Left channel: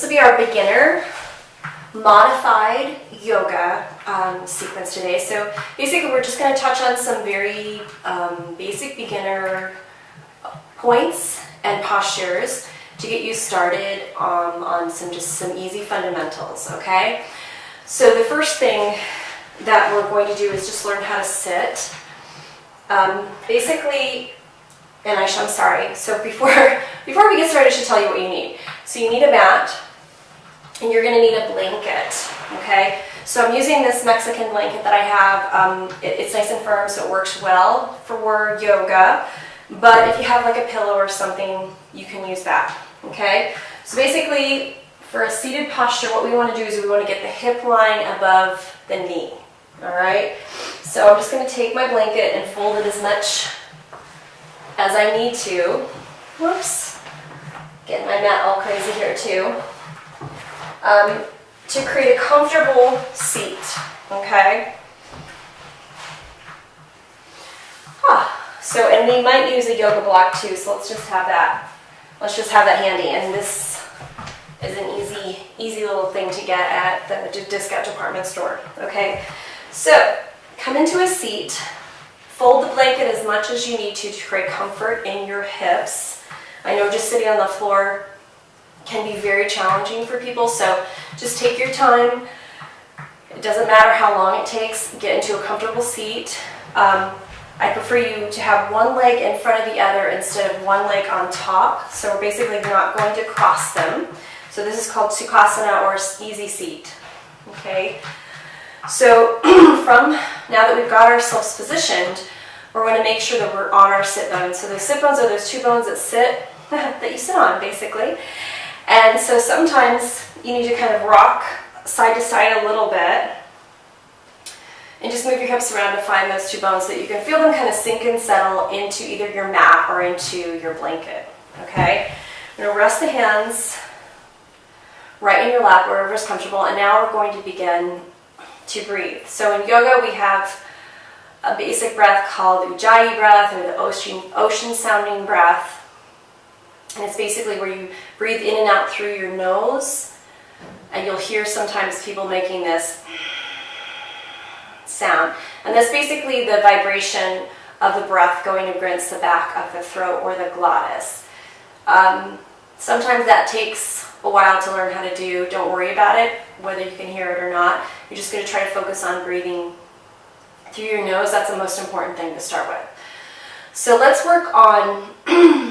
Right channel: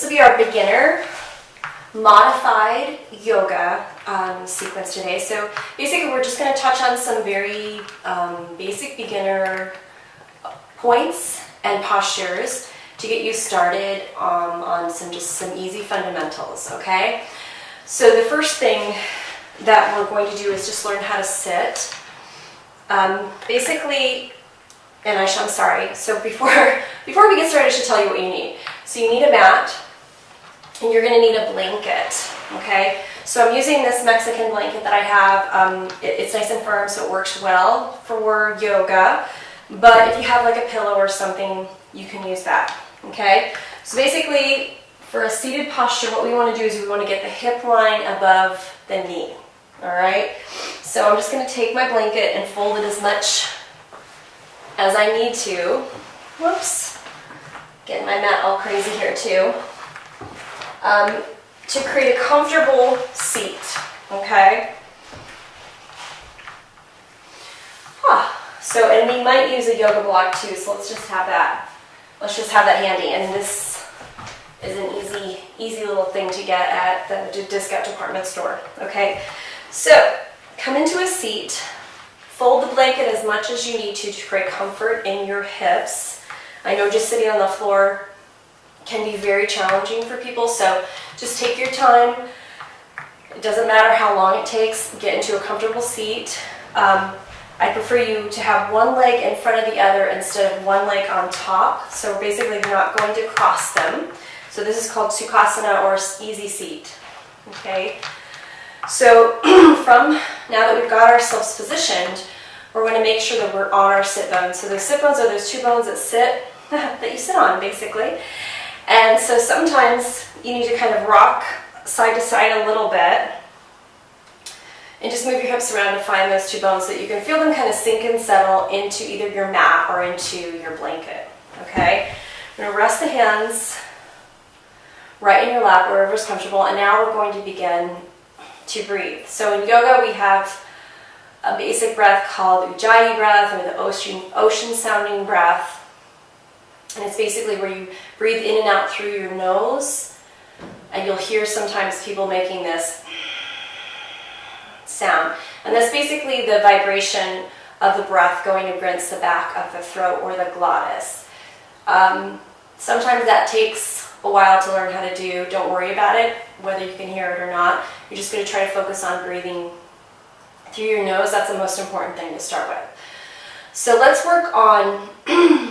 This will be our beginner modified yoga sequence today. So basically we're just going to touch on some very basic beginner points and postures to get you started on some easy fundamentals, okay? So the first thing that we're going to do is just learn how to sit. Basically, and I'm sorry, so before we get started, I should tell you what you need. So you need a mat, and you're going to need a blanket, okay? So I'm using this Mexican blanket that I have. It's nice and firm, so it works well for yoga. But if you have like a pillow or something, you can use that, okay? So basically, for a seated posture, what we want to do is we want to get the hip line above the knee, all right? So I'm just going to take my blanket and fold it as much as I need to. Whoops. Getting my mat all crazy here too. To create a comfortable seat, okay? So, and we might use a yoga block too, so let's just have that. Let's just have that handy. And this is an easy little thing to get at the discount department store, okay? So, come into a seat, fold the blanket as much as you need to create comfort in your hips. I know just sitting on the floor can be very challenging for people, so just take your time. It doesn't matter how long it takes. Get into a comfortable seat. I prefer you to have one leg in front of the other instead of one leg on top. So we're basically not going to cross them. So this is called Sukhasana or easy seat. Okay. So from now that we've got ourselves positioned, we're going to make sure that we're on our sit bones. So those sit bones are those two bones that you sit on basically. And so sometimes you need to kind of rock side to side a little bit and just move your hips around to find those two bones so that you can feel them kind of sink and settle into either your mat or into your blanket, okay? I'm going to rest the hands right in your lap, wherever is comfortable, and now we're going to begin to breathe. So in yoga we have a basic breath called Ujjayi breath, or the ocean sounding breath. And it's basically where you breathe in and out through your nose, and you'll hear sometimes people making this sound. And that's basically the vibration of the breath going against the back of the throat or the glottis. Sometimes that takes a while to learn how to do. Don't worry about it, whether you can hear it or not. You're just going to try to focus on breathing through your nose. That's the most important thing to start with. So let's work on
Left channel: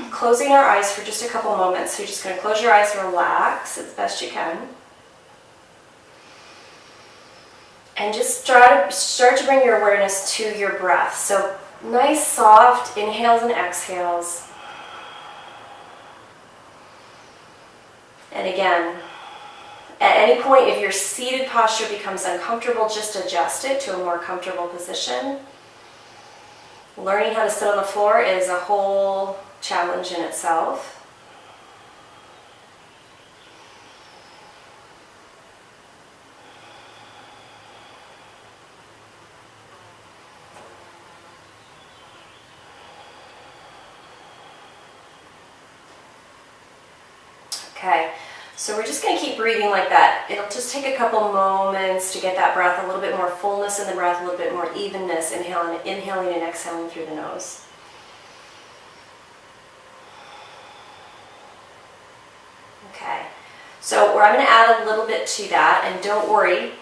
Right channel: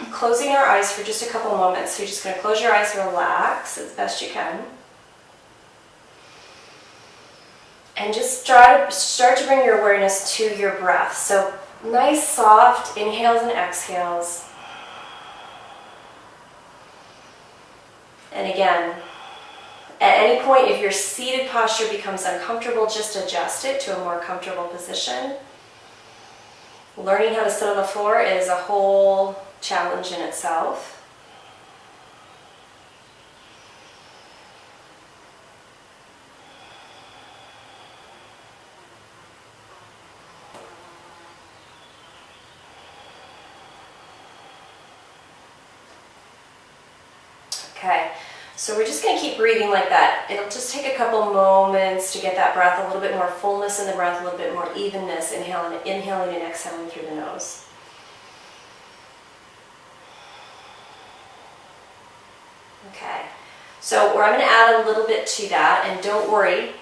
closing our eyes for just a couple moments. So you're just going to close your eyes and relax as best you can. And just start to bring your awareness to your breath. So nice soft inhales and exhales. And again, at any point if your seated posture becomes uncomfortable, just adjust it to a more comfortable position. Learning how to sit on the floor is a whole challenge in itself. Okay, so we're just going to keep breathing like that. It'll just take a couple moments to get that breath, a little bit more fullness in the breath, a little bit more evenness, inhaling and exhaling through the nose. Okay, so I'm going to add a little bit to that, and don't worry,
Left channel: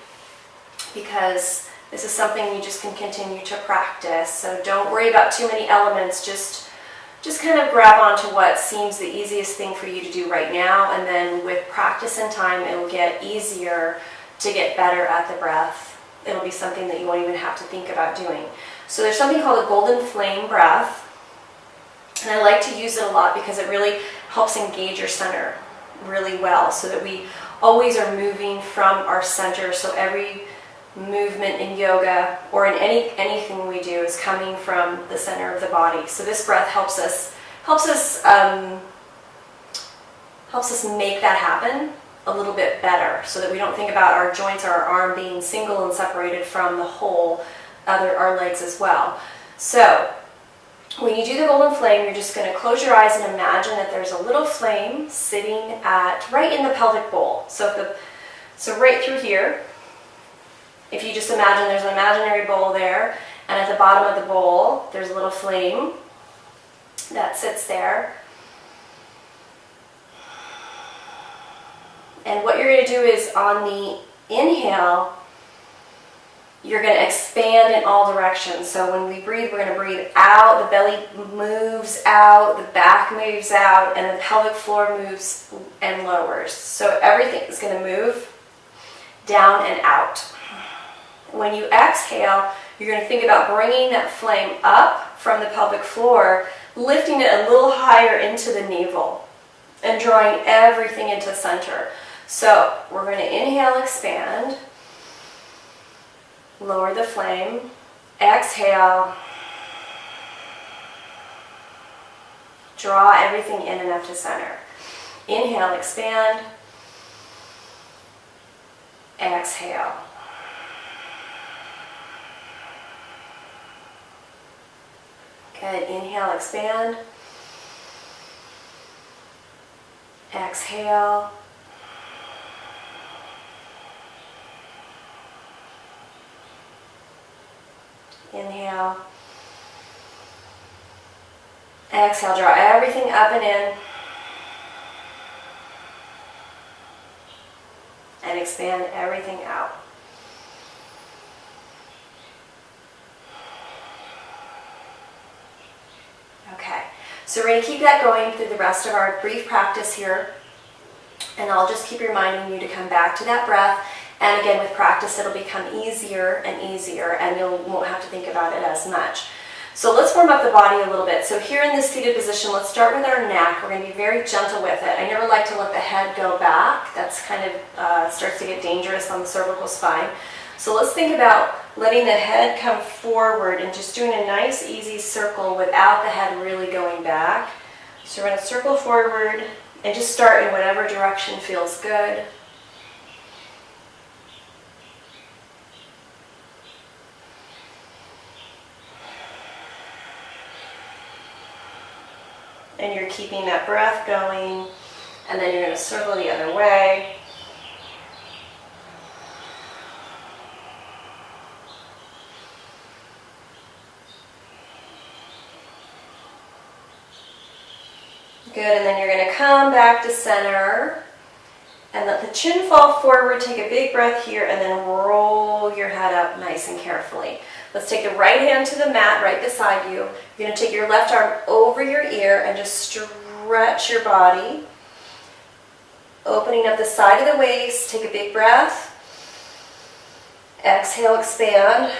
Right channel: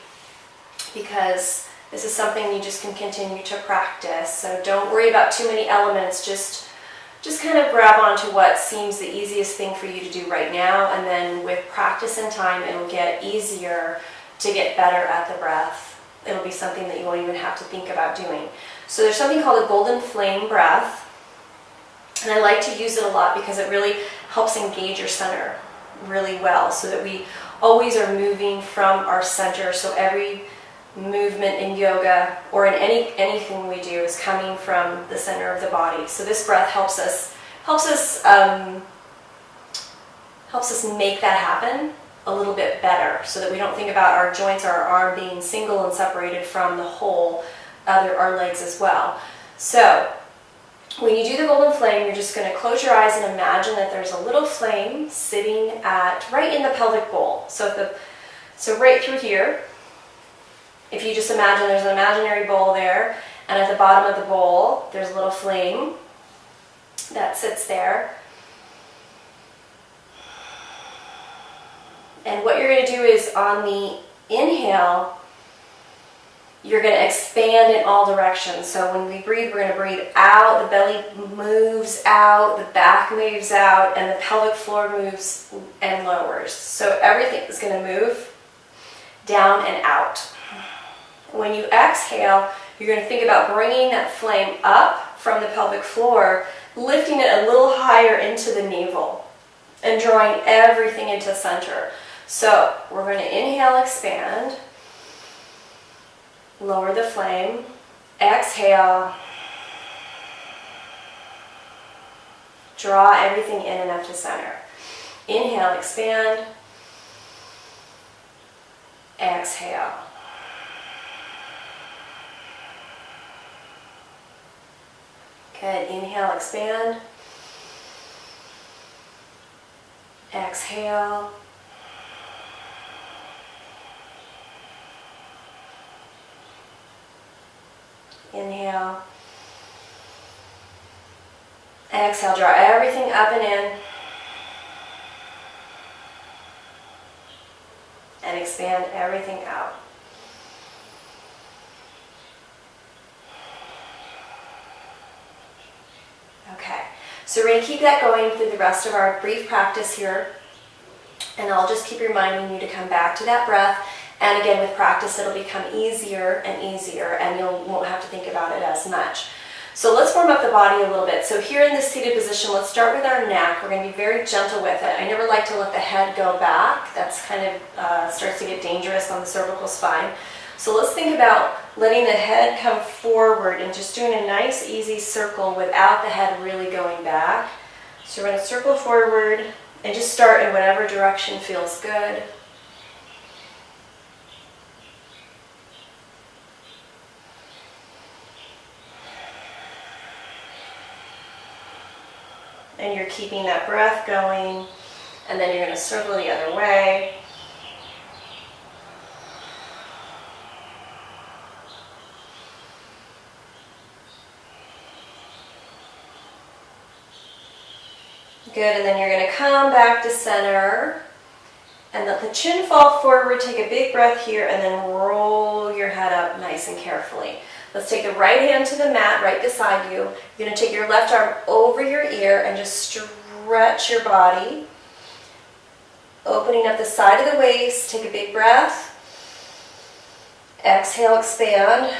because this is something you just can continue to practice. So don't worry about too many elements, just kind of grab onto what seems the easiest thing for you to do right now, and then with practice and time, it'll get easier to get better at the breath. It'll be something that you won't even have to think about doing. So there's something called a golden flame breath, and I like to use it a lot because it really helps engage your center really well, so that we always are moving from our center. So every movement in yoga or in anything we do is coming from the center of the body. So this breath helps us make that happen a little bit better, so that we don't think about our joints or our arm being single and separated from the whole, our legs as well. So When you do the golden flame, you're just going to close your eyes and imagine that there's a little flame sitting right in the pelvic bowl. So right through here, if you just imagine there's an imaginary bowl there, and at the bottom of the bowl, there's a little flame that sits there. And what you're going to do is on the inhale, you're going to expand in all directions. So when we breathe, we're going to breathe out, the belly moves out, the back moves out, and the pelvic floor moves and lowers. So everything is going to move down and out. When you exhale, you're going to think about bringing that flame up from the pelvic floor, lifting it a little higher into the navel, and drawing everything into center. So we're going to inhale, expand, lower the flame, exhale, draw everything in and up to center. Inhale, expand, exhale. Good, inhale, expand, exhale, inhale, exhale, draw everything up and in, and expand everything out. Okay, so we're going to keep that going through the rest of our brief practice here, and I'll just keep reminding you to come back to that breath. And again, with practice, it'll become easier and easier, and you won't have to think about it as much. So let's warm up the body a little bit. So here in this seated position, let's start with our neck. We're going to be very gentle with it. I never like to let the head go back. That's kind of starts to get dangerous on the cervical spine. So let's think about letting the head come forward and just doing a nice, easy circle without the head really going back. So we're going to circle forward and just start in whatever direction feels good. And you're keeping that breath going, and then you're going to circle the other way. Good, and then you're going to come back to center, and let the chin fall forward, take a big breath here, and then roll your head up nice and carefully. Let's take the right hand to the mat right beside you. You're going to take your left arm over your ear and just stretch your body. Opening up the side of the waist, take a big breath. Exhale, expand.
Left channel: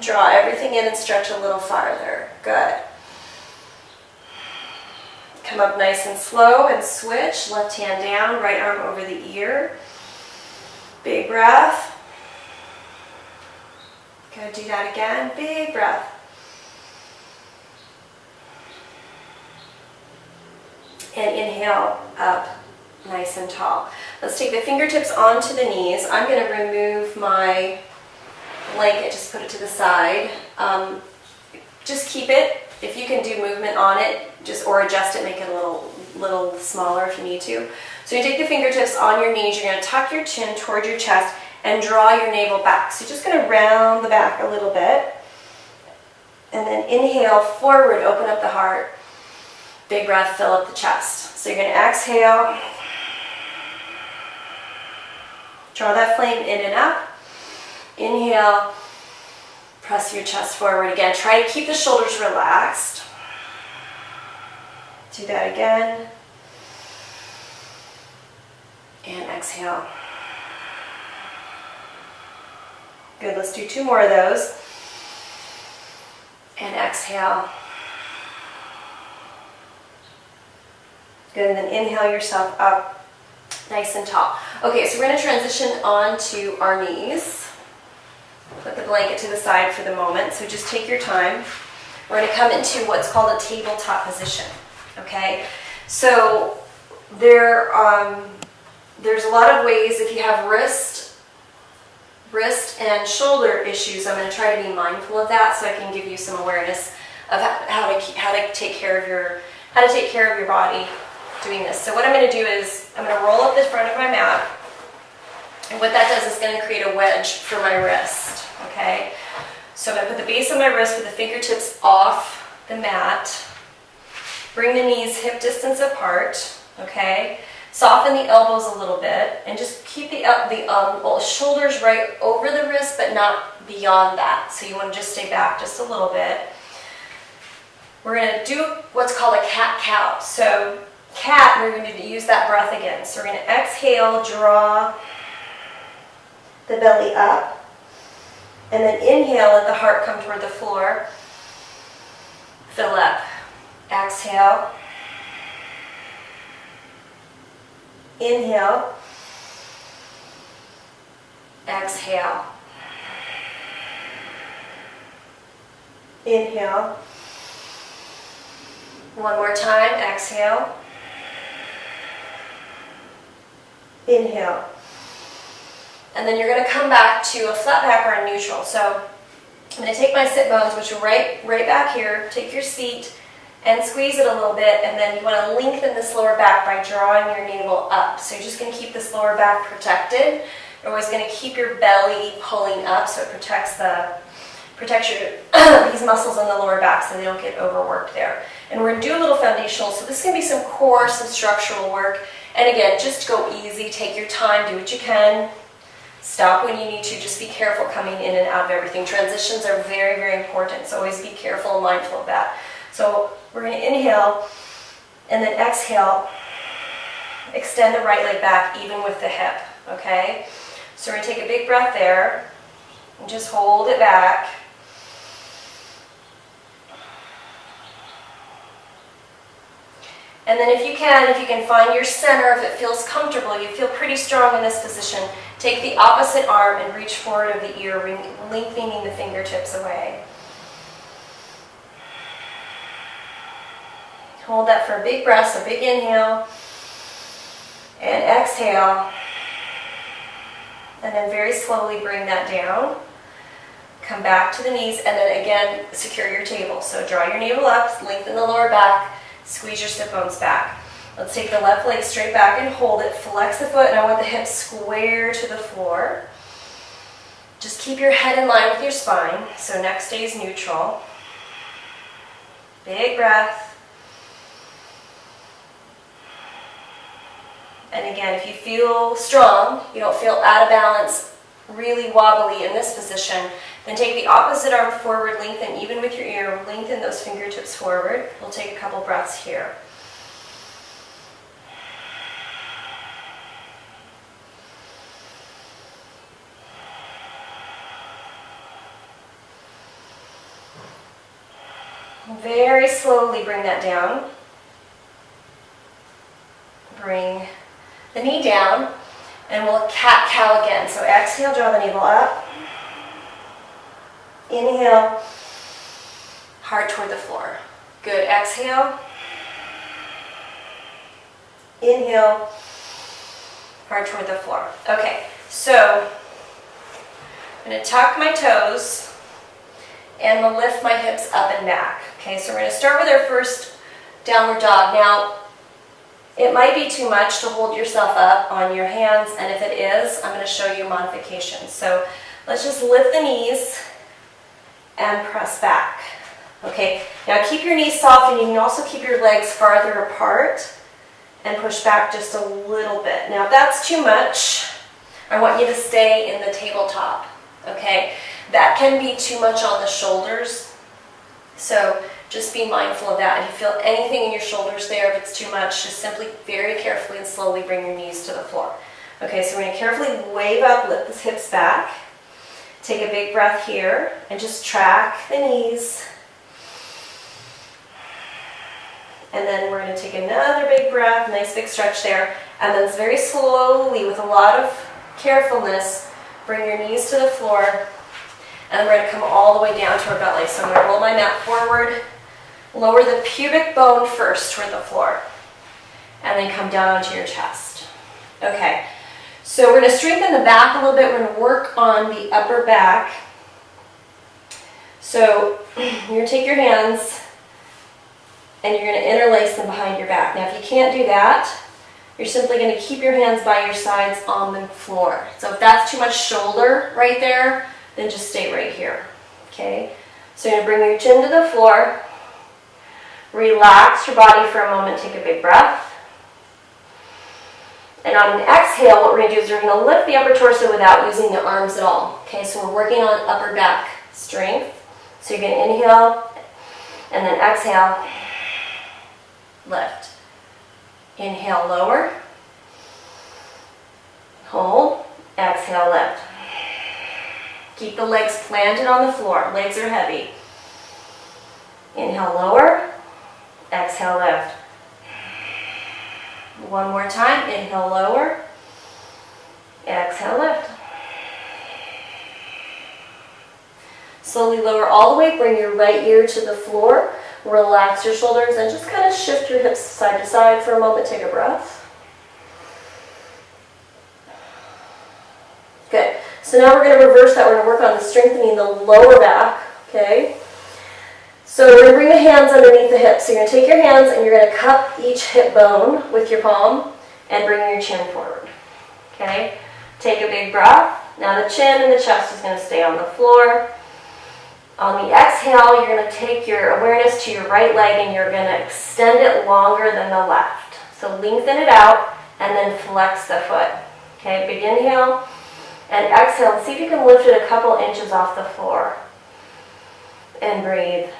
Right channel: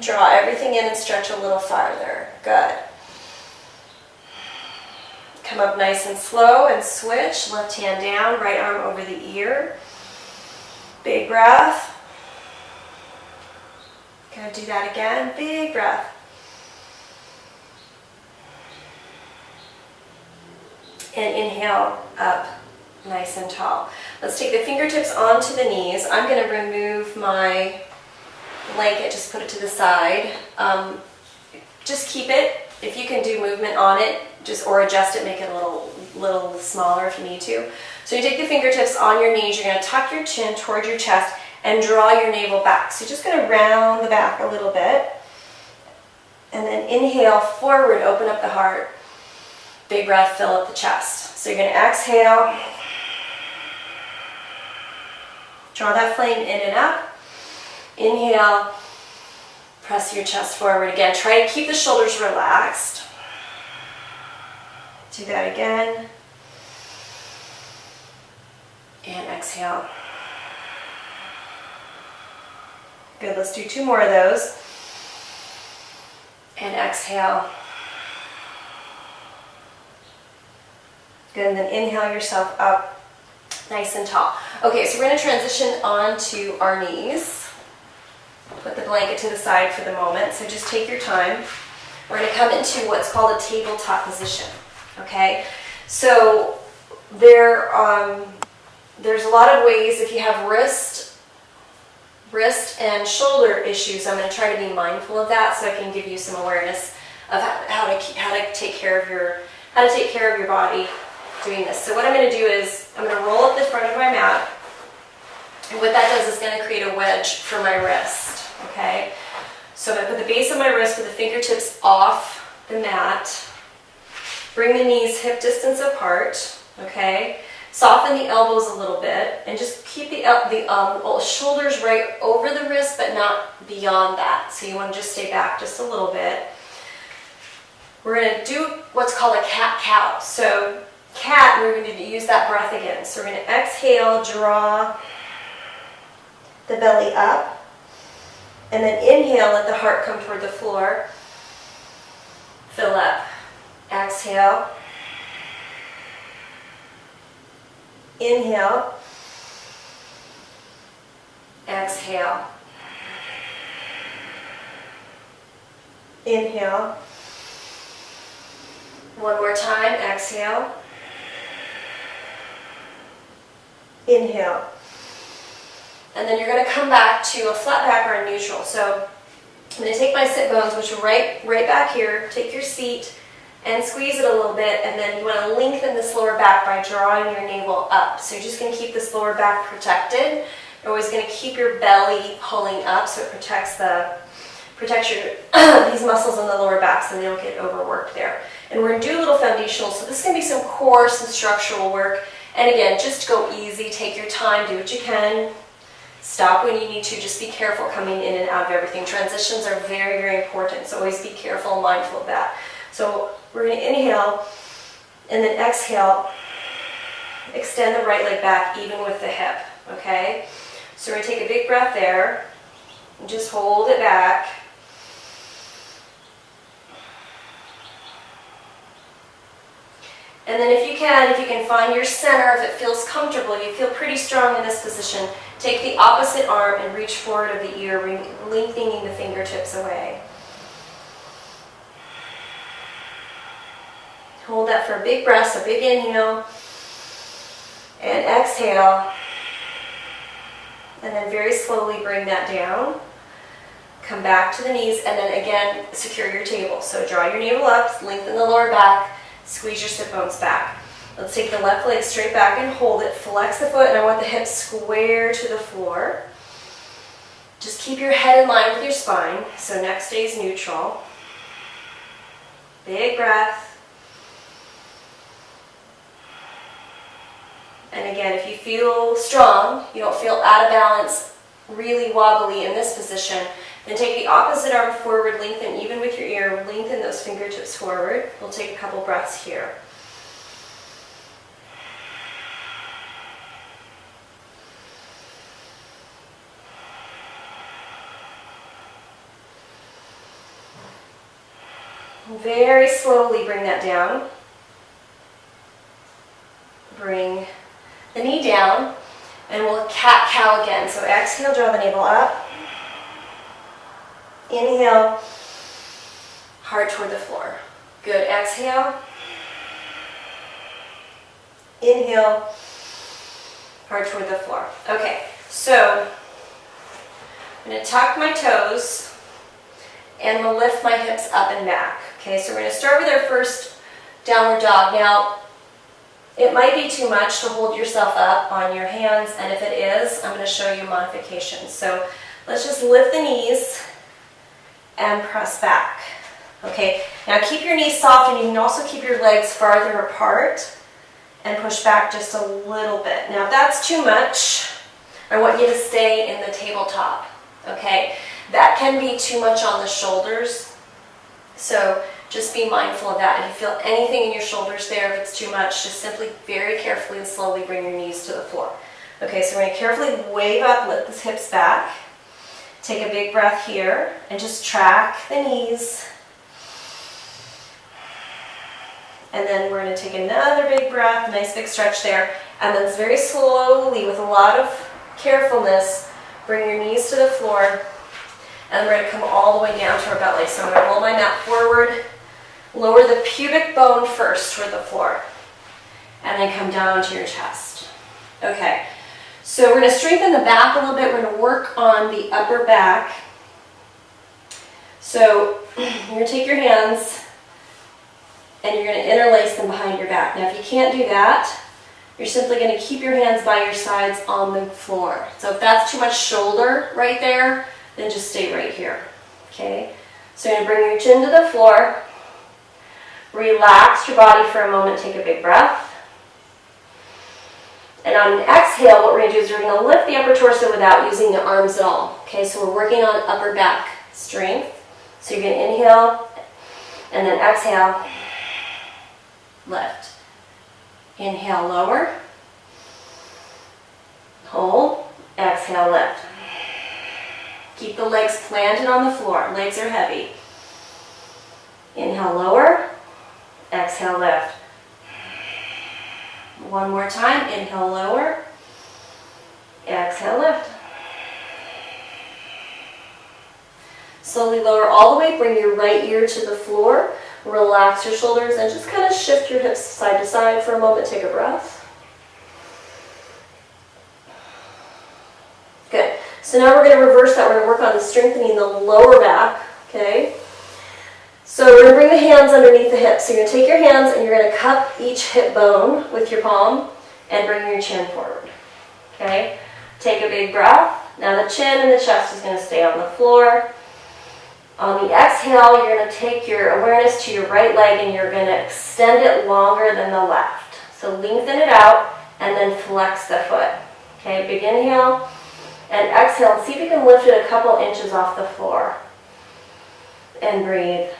Draw everything in and stretch a little farther. Good. Come up nice and slow and switch. Left hand down, right arm over the ear. Big breath. Gonna do that again. Big breath. And inhale up nice and tall. Let's take the fingertips onto the knees. I'm going to remove my blanket, just put it to the side. Just keep it. If you can do movement on it, or adjust it, make it a little smaller if you need to. So you take the fingertips on your knees, you're going to tuck your chin toward your chest and draw your navel back. So you're just going to round the back a little bit. And then inhale forward, open up the heart. Big breath, fill up the chest. So you're going to exhale. Draw that flame in and up. Inhale. Press your chest forward again. Try to keep the shoulders relaxed. Do that again. And exhale. Good, let's do 2 more of those. And exhale. Good, and then inhale yourself up nice and tall. Okay, so we're going to transition onto our knees. Put the blanket to the side for the moment, so just take your time. We're going to come into what's called a tabletop position. Okay, so there's a lot of ways. If you have wrist and shoulder issues, I'm going to try to be mindful of that so I can give you some awareness of how to take care of your body doing this. So what I'm going to do is I'm going to roll up the front of my mat, and what that does is going to create a wedge for my wrist. Okay, so I'm going to put the base of my wrist with the fingertips off the mat. Bring the knees hip distance apart. Okay, soften the elbows a little bit, and just keep the shoulders right over the wrist, but not beyond that. So you want to just stay back just a little bit. We're going to do what's called a cat-cow. So cat, we're going to use that breath again. So we're going to exhale, draw the belly up, and then inhale, let the heart come toward the floor. Fill up. Exhale. Inhale. Exhale. Inhale. One more time. Exhale. Inhale. And then you're going to come back to a flat back or a neutral. So I'm going to take my sit bones, which are right back here. Take your seat and squeeze it a little bit, and then you want to lengthen this lower back by drawing your navel up. So you're just going to keep this lower back protected. You're always going to keep your belly pulling up so it protects your these muscles on the lower back so they don't get overworked there. And we're going to do a little foundational, so this is going to be some core, some structural work. And again, just go easy, take your time, do what you can. Stop when you need to. Just be careful coming in and out of everything. Transitions are very, very important, so always be careful and mindful of that. So we're going to inhale and then exhale. Extend the right leg back even with the hip, okay? So we're going to take a big breath there and just hold it back. And then if you can find your center, if it feels comfortable, you feel pretty strong in this position, take the opposite arm and reach forward of the ear, lengthening the fingertips away. Hold that for a big breath, so big inhale, and exhale. And then very slowly bring that down. Come back to the knees, and then again, secure your table. So draw your navel up, lengthen the lower back, squeeze your sit bones back. Let's take the left leg straight back and hold it. Flex the foot, and I want the hips square to the floor. Just keep your head in line with your spine. So neck stays neutral. Big breath. And again, if you feel strong, you don't feel out of balance, really wobbly in this position, then take the opposite arm forward, lengthen even with your ear, lengthen those fingertips forward. We'll take a couple breaths here. Very slowly bring that down. Bring the knee down, and we'll cat-cow again. So exhale, draw the navel up. Inhale, heart toward the floor. Good, exhale. Inhale, heart toward the floor. Okay, so I'm going to tuck my toes, and we'll lift my hips up and back. Okay, so we're going to start with our first downward dog. Now, it might be too much to hold yourself up on your hands, and if it is, I'm going to show you modifications. So let's just lift the knees and press back. Okay, now keep your knees soft, and you can also keep your legs farther apart and push back just a little bit. Now if that's too much, I want you to stay in the tabletop. Okay, that can be too much on the shoulders, so just be mindful of that. If you feel anything in your shoulders there, if it's too much, just simply very carefully and slowly bring your knees to the floor. Okay, so we're going to carefully wave up, lift the hips back. Take a big breath here and just track the knees. And then we're going to take another big breath, nice big stretch there. And then very slowly, with a lot of carefulness, bring your knees to the floor. And we're going to come all the way down to our belly. So I'm going to roll my mat forward. Lower the pubic bone first toward the floor, and then come down onto your chest. Okay, so we're going to strengthen the back a little bit. We're going to work on the upper back. So you're going to take your hands and you're going to interlace them behind your back. Now if you can't do that, you're simply going to keep your hands by your sides on the floor. So if that's too much shoulder right there, then just stay right here. Okay? So you're going to bring your chin to the floor, relax your body for a moment, take a big breath. And on an exhale, what we're going to do is we're going to lift the upper torso without using the arms at all. Okay, so we're working on upper back strength. So you're going to inhale and then exhale, lift. Inhale, lower. Hold. Exhale, lift. Keep the legs planted on the floor. Legs are heavy. Inhale, lower. Exhale, lift. One more time. Inhale, lower. Exhale, lift. Slowly lower all the way. Bring your right ear to the floor. Relax your shoulders and just kind of shift your hips side to side for a moment. Take a breath. Good. So now we're going to reverse that. We're going to work on strengthening the lower back. Okay. So we're going to bring the hands underneath the hips. So you're going to take your hands and you're going to cup each hip bone with your palm and bring your chin forward. Okay. Take a big breath. Now the chin and the chest is going to stay on the floor. On the exhale, you're going to take your awareness to your right leg and you're going to extend it longer than the left. So lengthen it out and then flex the foot. Okay, big inhale and exhale. See if you can lift it a couple inches off the floor. And breathe.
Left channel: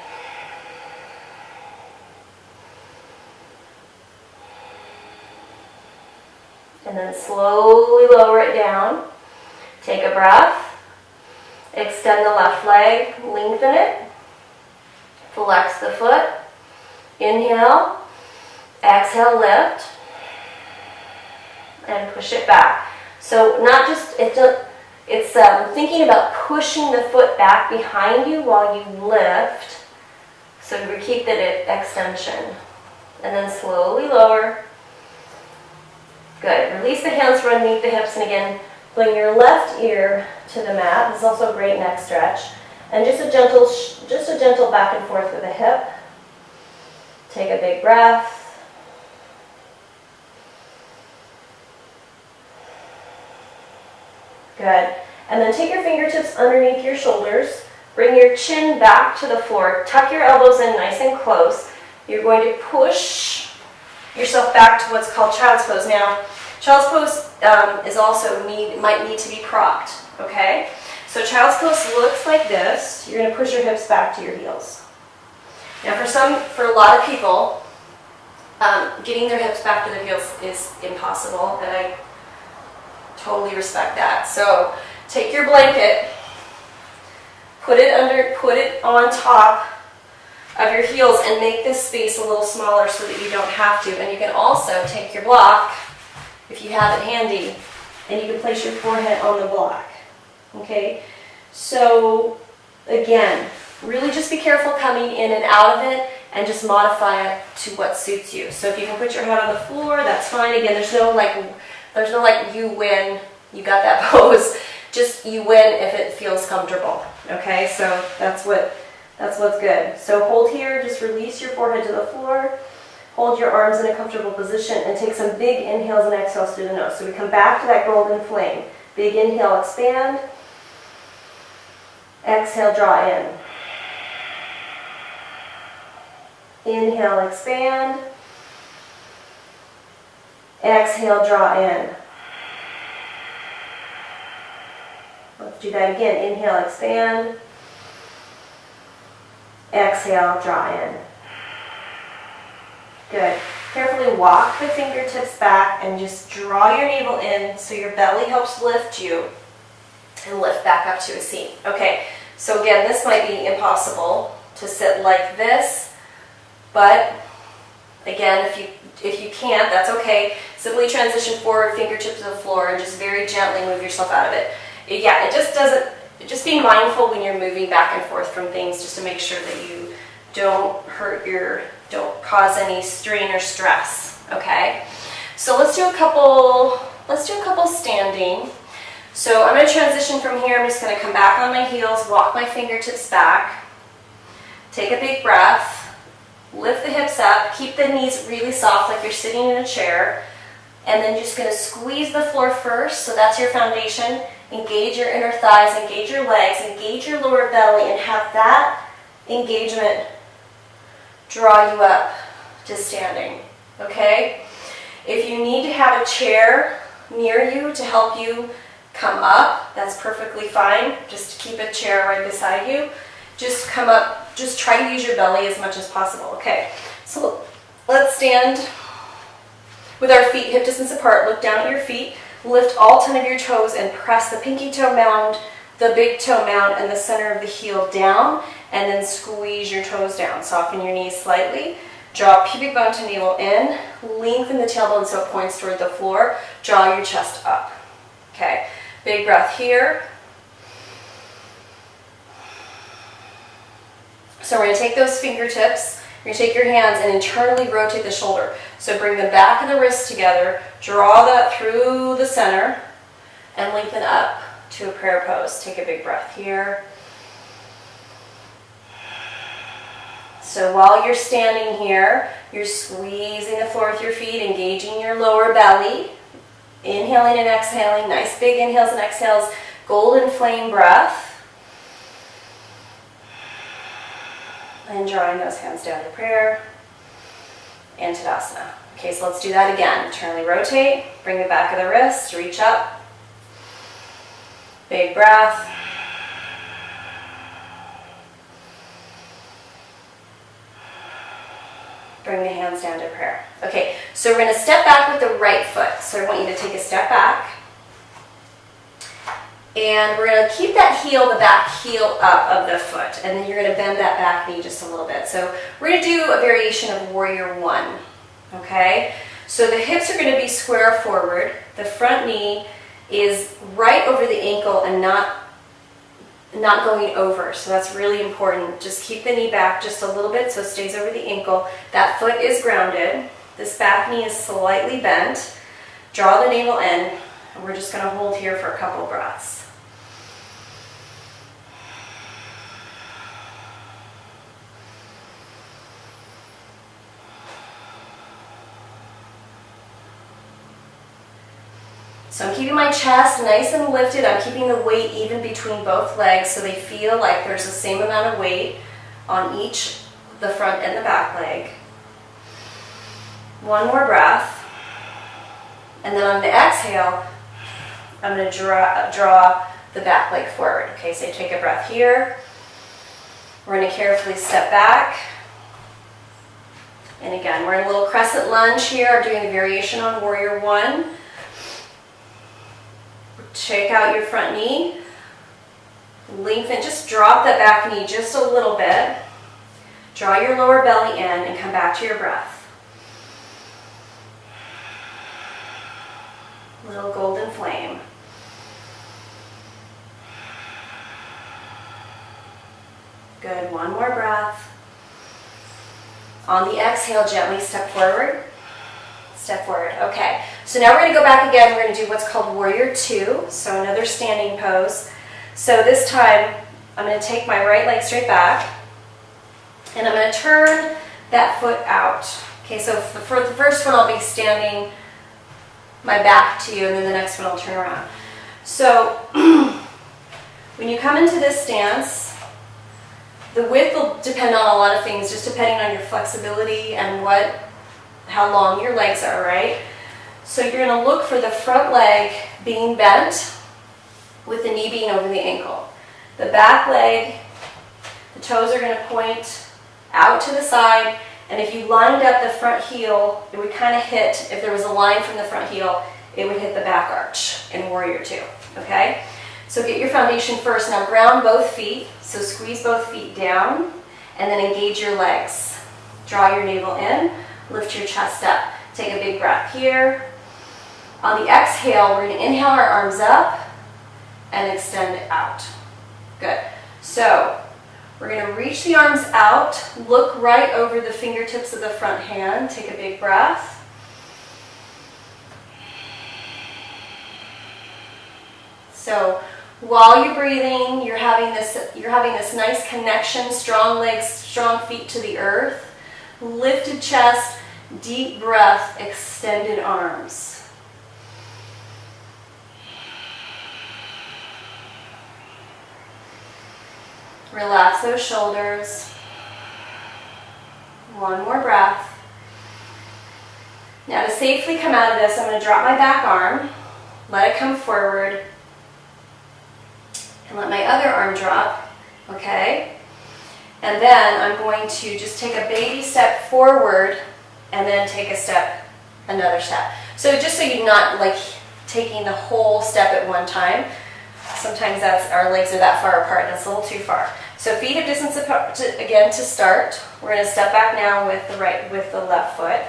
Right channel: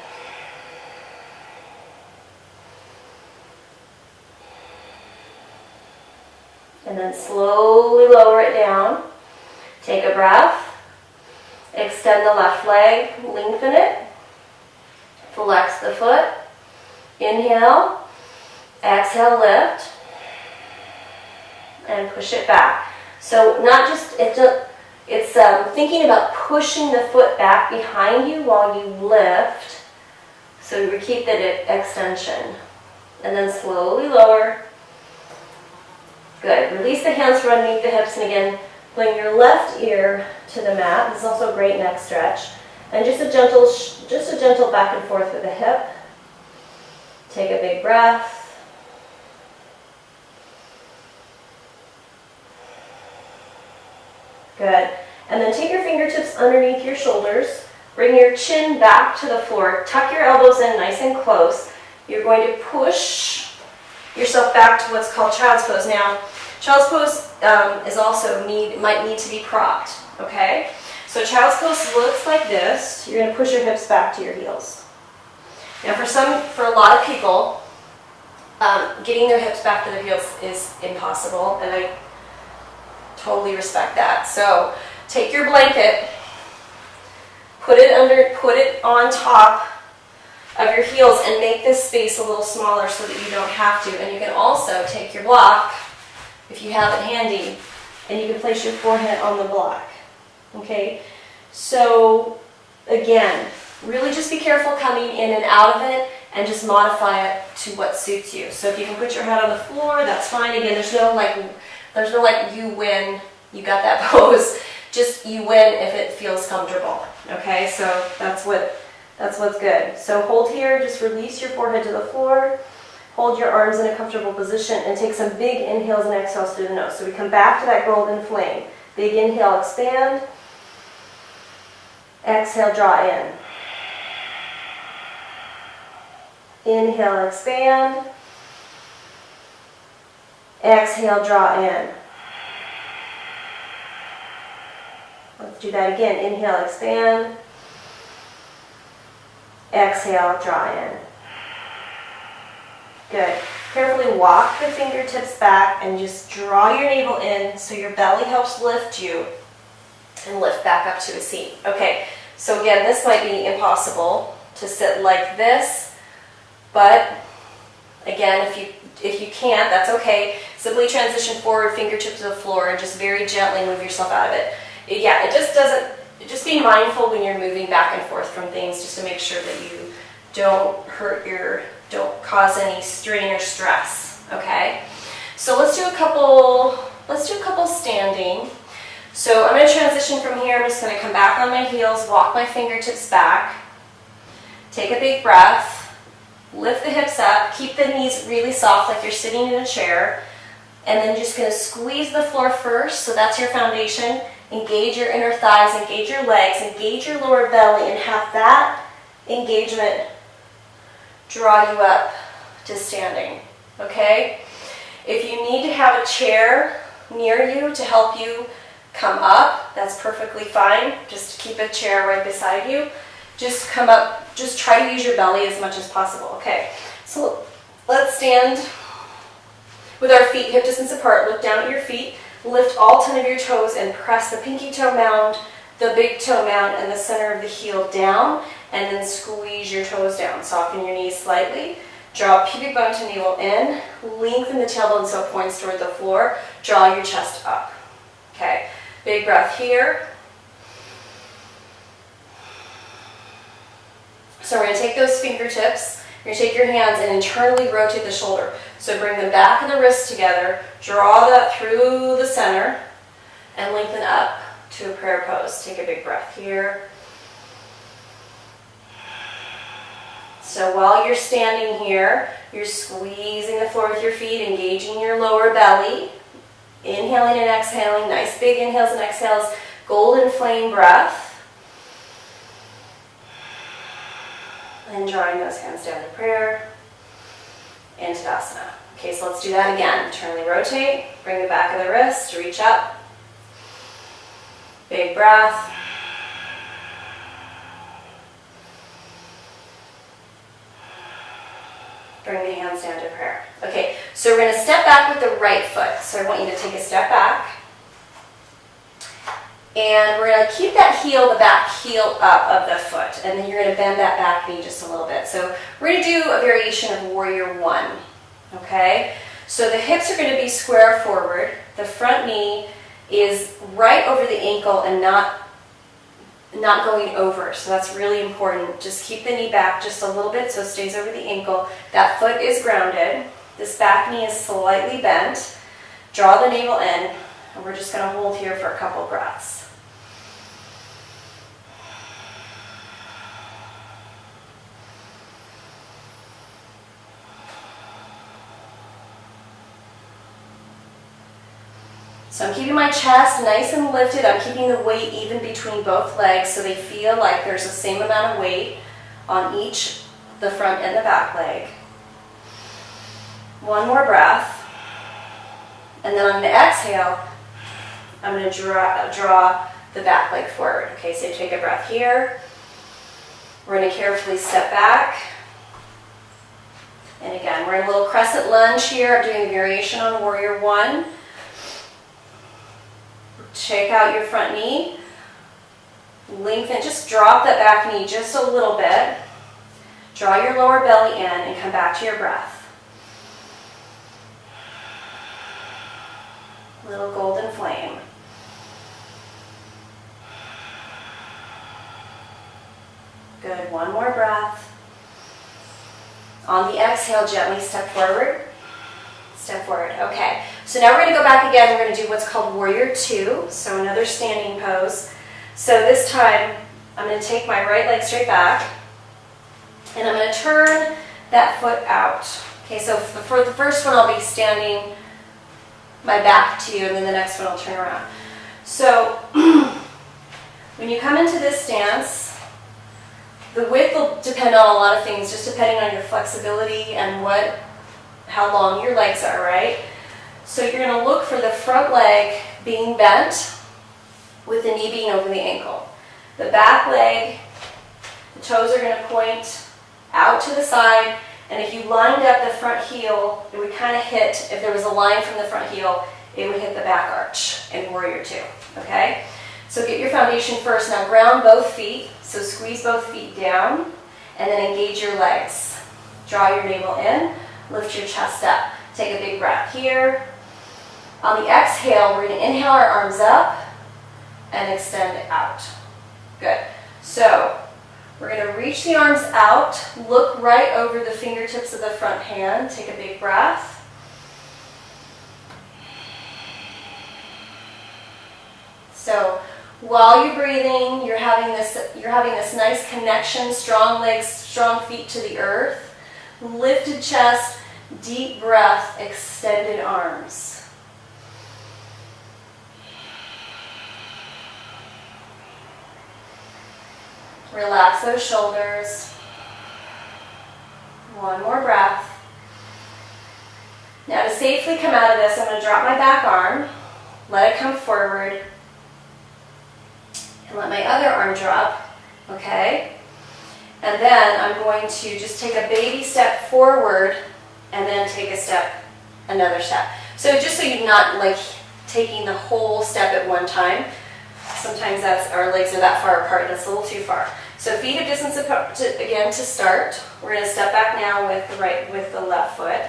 And then slowly lower it down. Take a breath. Extend the left leg, lengthen it, flex the foot, inhale, exhale, lift, and push it back. So not just, it's thinking about pushing the foot back behind you while you lift, so we keep that extension. And then slowly lower. Good. Release the hands from underneath the hips, and again, bring your left ear to the mat. This is also a great neck stretch. And just a gentle back and forth with the hip. Take a big breath. Good. And then take your fingertips underneath your shoulders. Bring your chin back to the floor. Tuck your elbows in nice and close. You're going to push yourself back to what's called child's pose. Now, child's pose is also might need to be propped, okay? So child's pose looks like this. You're going to push your hips back to your heels. Now for a lot of people, getting their hips back to their heels is impossible, and I totally respect that. So take your blanket, put it on top of your heels and make this space a little smaller so that you don't have to. And you can also take your block, if you have it handy, and you can place your forehead on the block. Okay, so again, really just be careful coming in and out of it and just modify it to what suits you. So if you can put your head on the floor, that's fine. Again, there's no like you win, you got that pose. Just you win if it feels comfortable. Okay, so that's what's good. So hold here, just release your forehead to the floor. Hold your arms in a comfortable position and take some big inhales and exhales through the nose. So we come back to that golden flame. Big inhale, expand. Exhale, draw in. Inhale, expand. Exhale, draw in. Let's do that again. Inhale, expand. Exhale, draw in. Good. Carefully walk the fingertips back and just draw your navel in so your belly helps lift you and lift back up to a seat. Okay, so again, this might be impossible to sit like this, but again, if you can't, that's okay. Simply transition forward, fingertips to the floor, and just very gently move yourself out of it. Yeah, just be mindful when you're moving back and forth from things, just to make sure that you don't cause any strain or stress. Okay, so let's do a couple standing. So I'm going to transition from here. I'm just going to come back on my heels, walk my fingertips back. Take a big breath, lift the hips up, keep the knees really soft like you're sitting in a chair, and then just gonna squeeze the floor first, so that's your foundation. Engage your inner thighs, engage your legs, engage your lower belly, and have that engagement draw you up to standing, okay? If you need to have a chair near you to help you come up, that's perfectly fine. Just keep a chair right beside you. Just come up, just try to use your belly as much as possible. Okay, so let's stand with our feet hip distance apart. Look down at your feet, lift all 10 of your toes and press the pinky toe mound, the big toe mound, and the center of the heel down, and then squeeze your toes down. Soften your knees slightly. Draw pubic bone to navel in, lengthen the tailbone so it points toward the floor. Draw your chest up. Okay, big breath here. So we're going to take those fingertips, you're going to take your hands and internally rotate the shoulder. So bring the back of the wrist together, draw that through the center, and lengthen up to a prayer pose. Take a big breath here. So while you're standing here, you're squeezing the floor with your feet, engaging your lower belly, inhaling and exhaling, nice big inhales and exhales, golden flame breath. And drawing those hands down to prayer and Tadasana. Okay, so let's do that again. Internally rotate, bring the back of the wrist, reach up. Big breath. Bring the hands down to prayer. Okay, so we're going to step back with the right foot. So I want you to take a step back. And we're going to keep that heel, the back heel up of the foot. And then you're going to bend that back knee just a little bit. So we're going to do a variation of Warrior One. Okay? So the hips are going to be square forward. The front knee is right over the ankle and not going over. So that's really important. Just keep the knee back just a little bit so it stays over the ankle. That foot is grounded. This back knee is slightly bent. Draw the navel in. And we're just going to hold here for a couple breaths. So I'm keeping my chest nice and lifted. I'm keeping the weight even between both legs so they feel like there's the same amount of weight on each, the front and the back leg. One more breath. And then on the exhale, I'm going to draw the back leg forward. Okay, so take a breath here. We're going to carefully step back. And again, we're in a little crescent lunge here. I'm doing a variation on Warrior One. Check out your front knee. Lengthen, just drop that back knee just a little bit. Draw your lower belly in and come back to your breath. Little golden flame. Good, one more breath. On the exhale, gently step forward. Step forward. Okay, so now we're going to go back again. We're going to do what's called Warrior Two, so another standing pose. So this time, I'm going to take my right leg straight back, and I'm going to turn that foot out. Okay, so for the first one, I'll be standing my back to you, and then the next one I'll turn around. So when you come into this stance, the width will depend on a lot of things, just depending on your flexibility and how long your legs are, right? So you're going to look for the front leg being bent with the knee being over the ankle. The back leg, the toes are going to point out to the side, and if you lined up the front heel, it would kind of hit, if there was a line from the front heel, it would hit the back arch in Warrior Two, okay? So get your foundation first. Now ground both feet, so squeeze both feet down, and then engage your legs. Draw your navel in. Lift your chest up. Take a big breath here. On the exhale, we're going to inhale our arms up and extend out. Good. So we're going to reach the arms out. Look right over the fingertips of the front hand. Take a big breath. So While you're breathing, you're having this nice connection, strong legs, strong feet to the earth, lifted chest, deep breath, extended arms. Relax those shoulders. One more breath. Now to safely come out of this, I'm going to drop my back arm, let it come forward, and let my other arm drop, okay? And then I'm going to just take a baby step forward and then take another step. So just so you're not like taking the whole step at one time. Sometimes our legs are that far apart, that's a little too far. So feet hip distance apart, again to start. We're going to step back now with the left foot.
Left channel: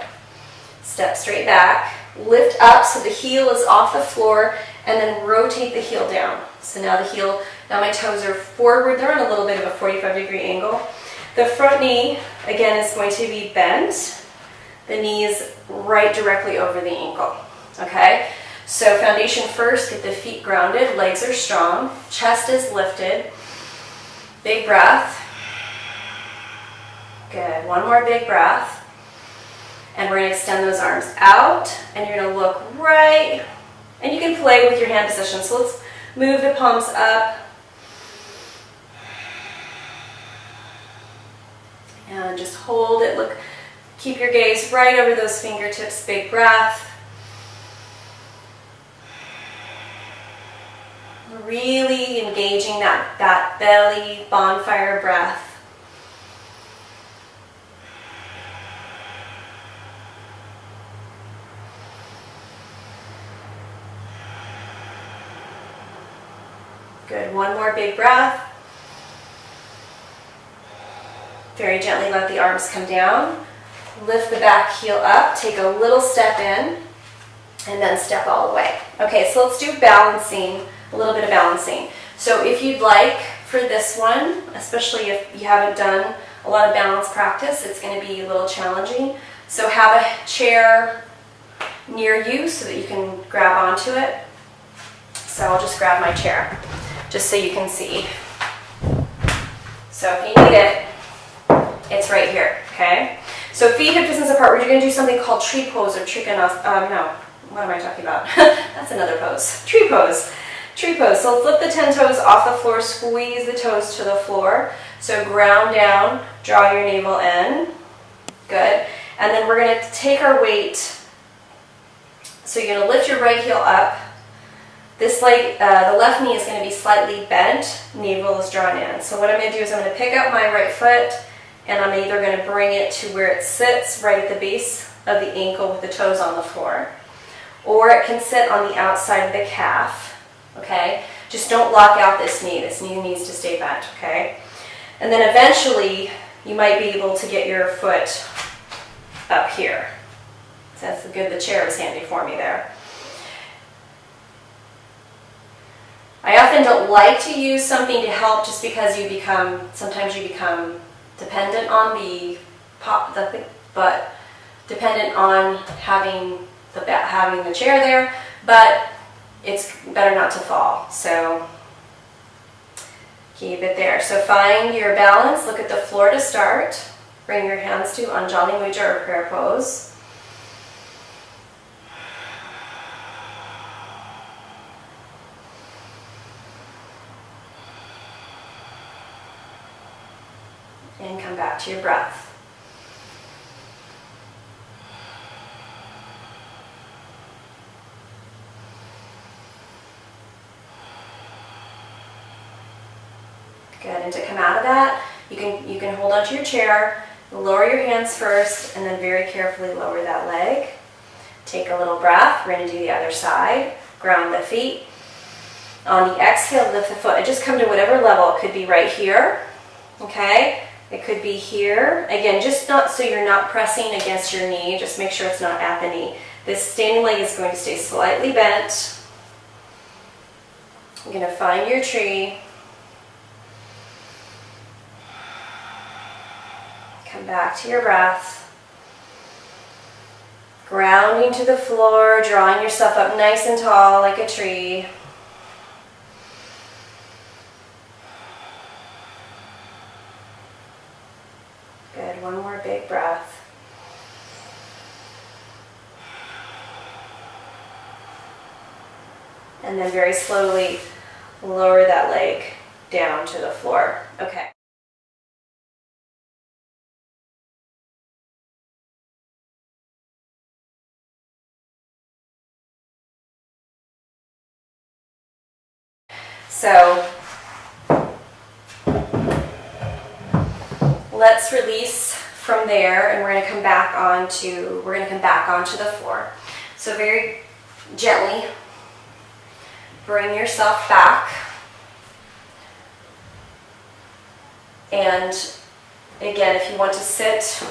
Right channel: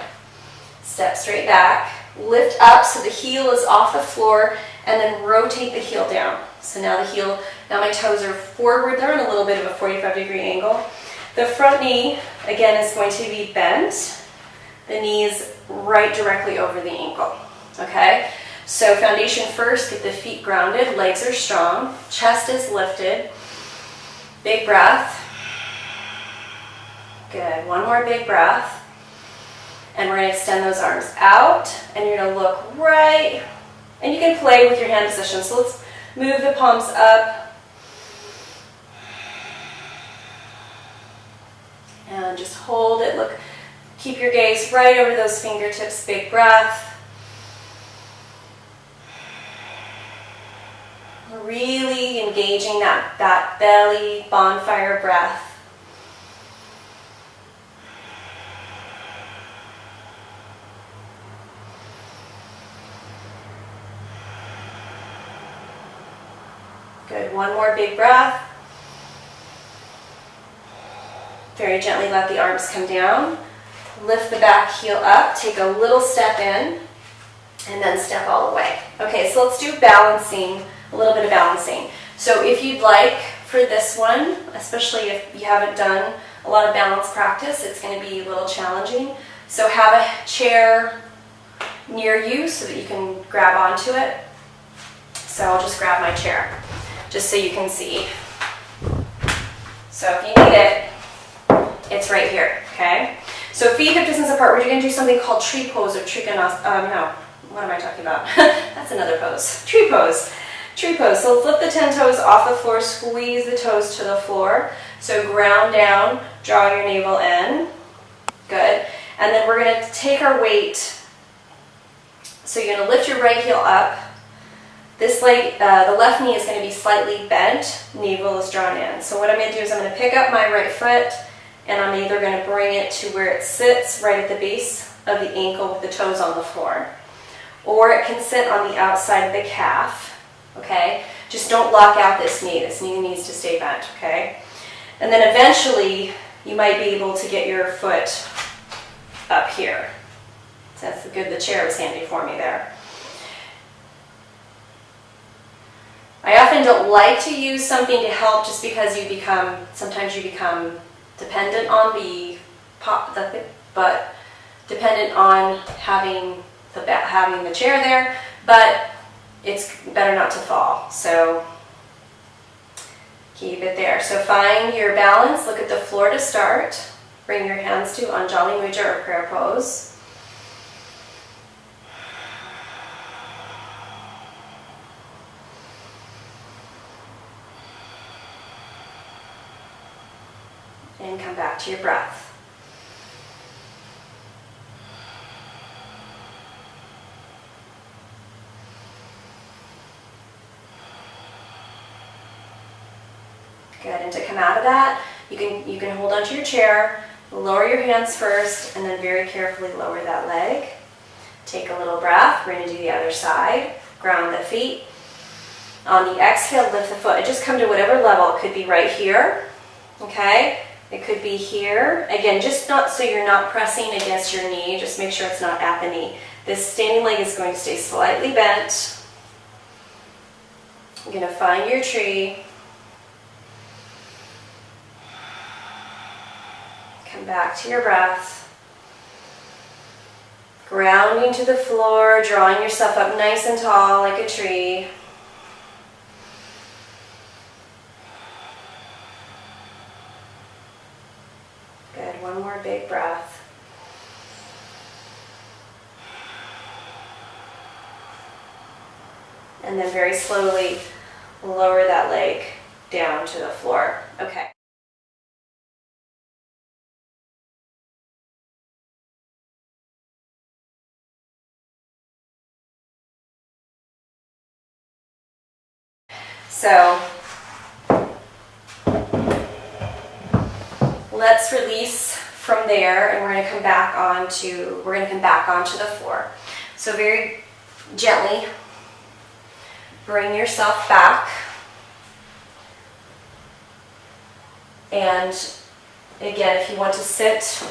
Step straight back, lift up so the heel is off the floor, and then rotate the heel down. So now my toes are forward, they're on a little bit of a 45-degree angle. The front knee, again, is going to be bent. The knee is right directly over the ankle, okay? So foundation first, get the feet grounded, legs are strong, chest is lifted. Big breath. Good, one more big breath. And we're going to extend those arms out, and you're going to look right, and you can play with your hand position. So let's move the palms up. And just hold it, look, keep your gaze right over those fingertips, big breath. Really engaging that belly bonfire breath. Good, one more big breath. Very gently let the arms come down. Lift the back heel up, take a little step in, and then step all the way. Okay, so let's do balancing, a little bit of balancing. So if you'd like for this one, especially if you haven't done a lot of balance practice, it's going to be a little challenging. So have a chair near you so that you can grab onto it. So I'll just grab my chair, just so you can see. So if you need it, it's right here, okay? So feet hip distance apart, we're going to do something called tree pose or trikonasana. No, what am I talking about? That's another pose. Tree pose. Tree pose. So flip the 10 toes off the floor, squeeze the toes to the floor. So ground down, draw your navel in. Good. And then we're going to take our weight. So you're going to lift your right heel up. This leg, the left knee is going to be slightly bent, navel is drawn in. So what I'm going to do is I'm going to pick up my right foot, and I'm either going to bring it to where it sits right at the base of the ankle with the toes on the floor, or it can sit on the outside of the calf, okay? Just don't lock out this knee. This knee needs to stay bent, okay? And then eventually, you might be able to get your foot up here. So that's good, the chair is handy for me there. I often don't like to use something to help just because sometimes you become dependent on but dependent on having the chair there, but it's better not to fall. So keep it there. So find your balance, look at the floor to start. Bring your hands to Anjali Mudra or prayer pose. And come back to your breath. Good, and to come out of that, you can hold onto your chair, lower your hands first, and then very carefully lower that leg. Take a little breath. We're going to do the other side. Ground the feet. On the exhale, lift the foot. And just come to whatever level. It could be right here, okay? It could be here. Again, just not so you're not pressing against your knee. Just make sure it's not at the knee. This standing leg is going to stay slightly bent. You're going to find your tree. Come back to your breath. Grounding to the floor, drawing yourself up nice and tall like a tree. one more big breath. And then very slowly lower that leg down to the floor. Okay. So let's release from there, and we're going to come back onto the floor. So very gently bring yourself back, and again, if you want to sit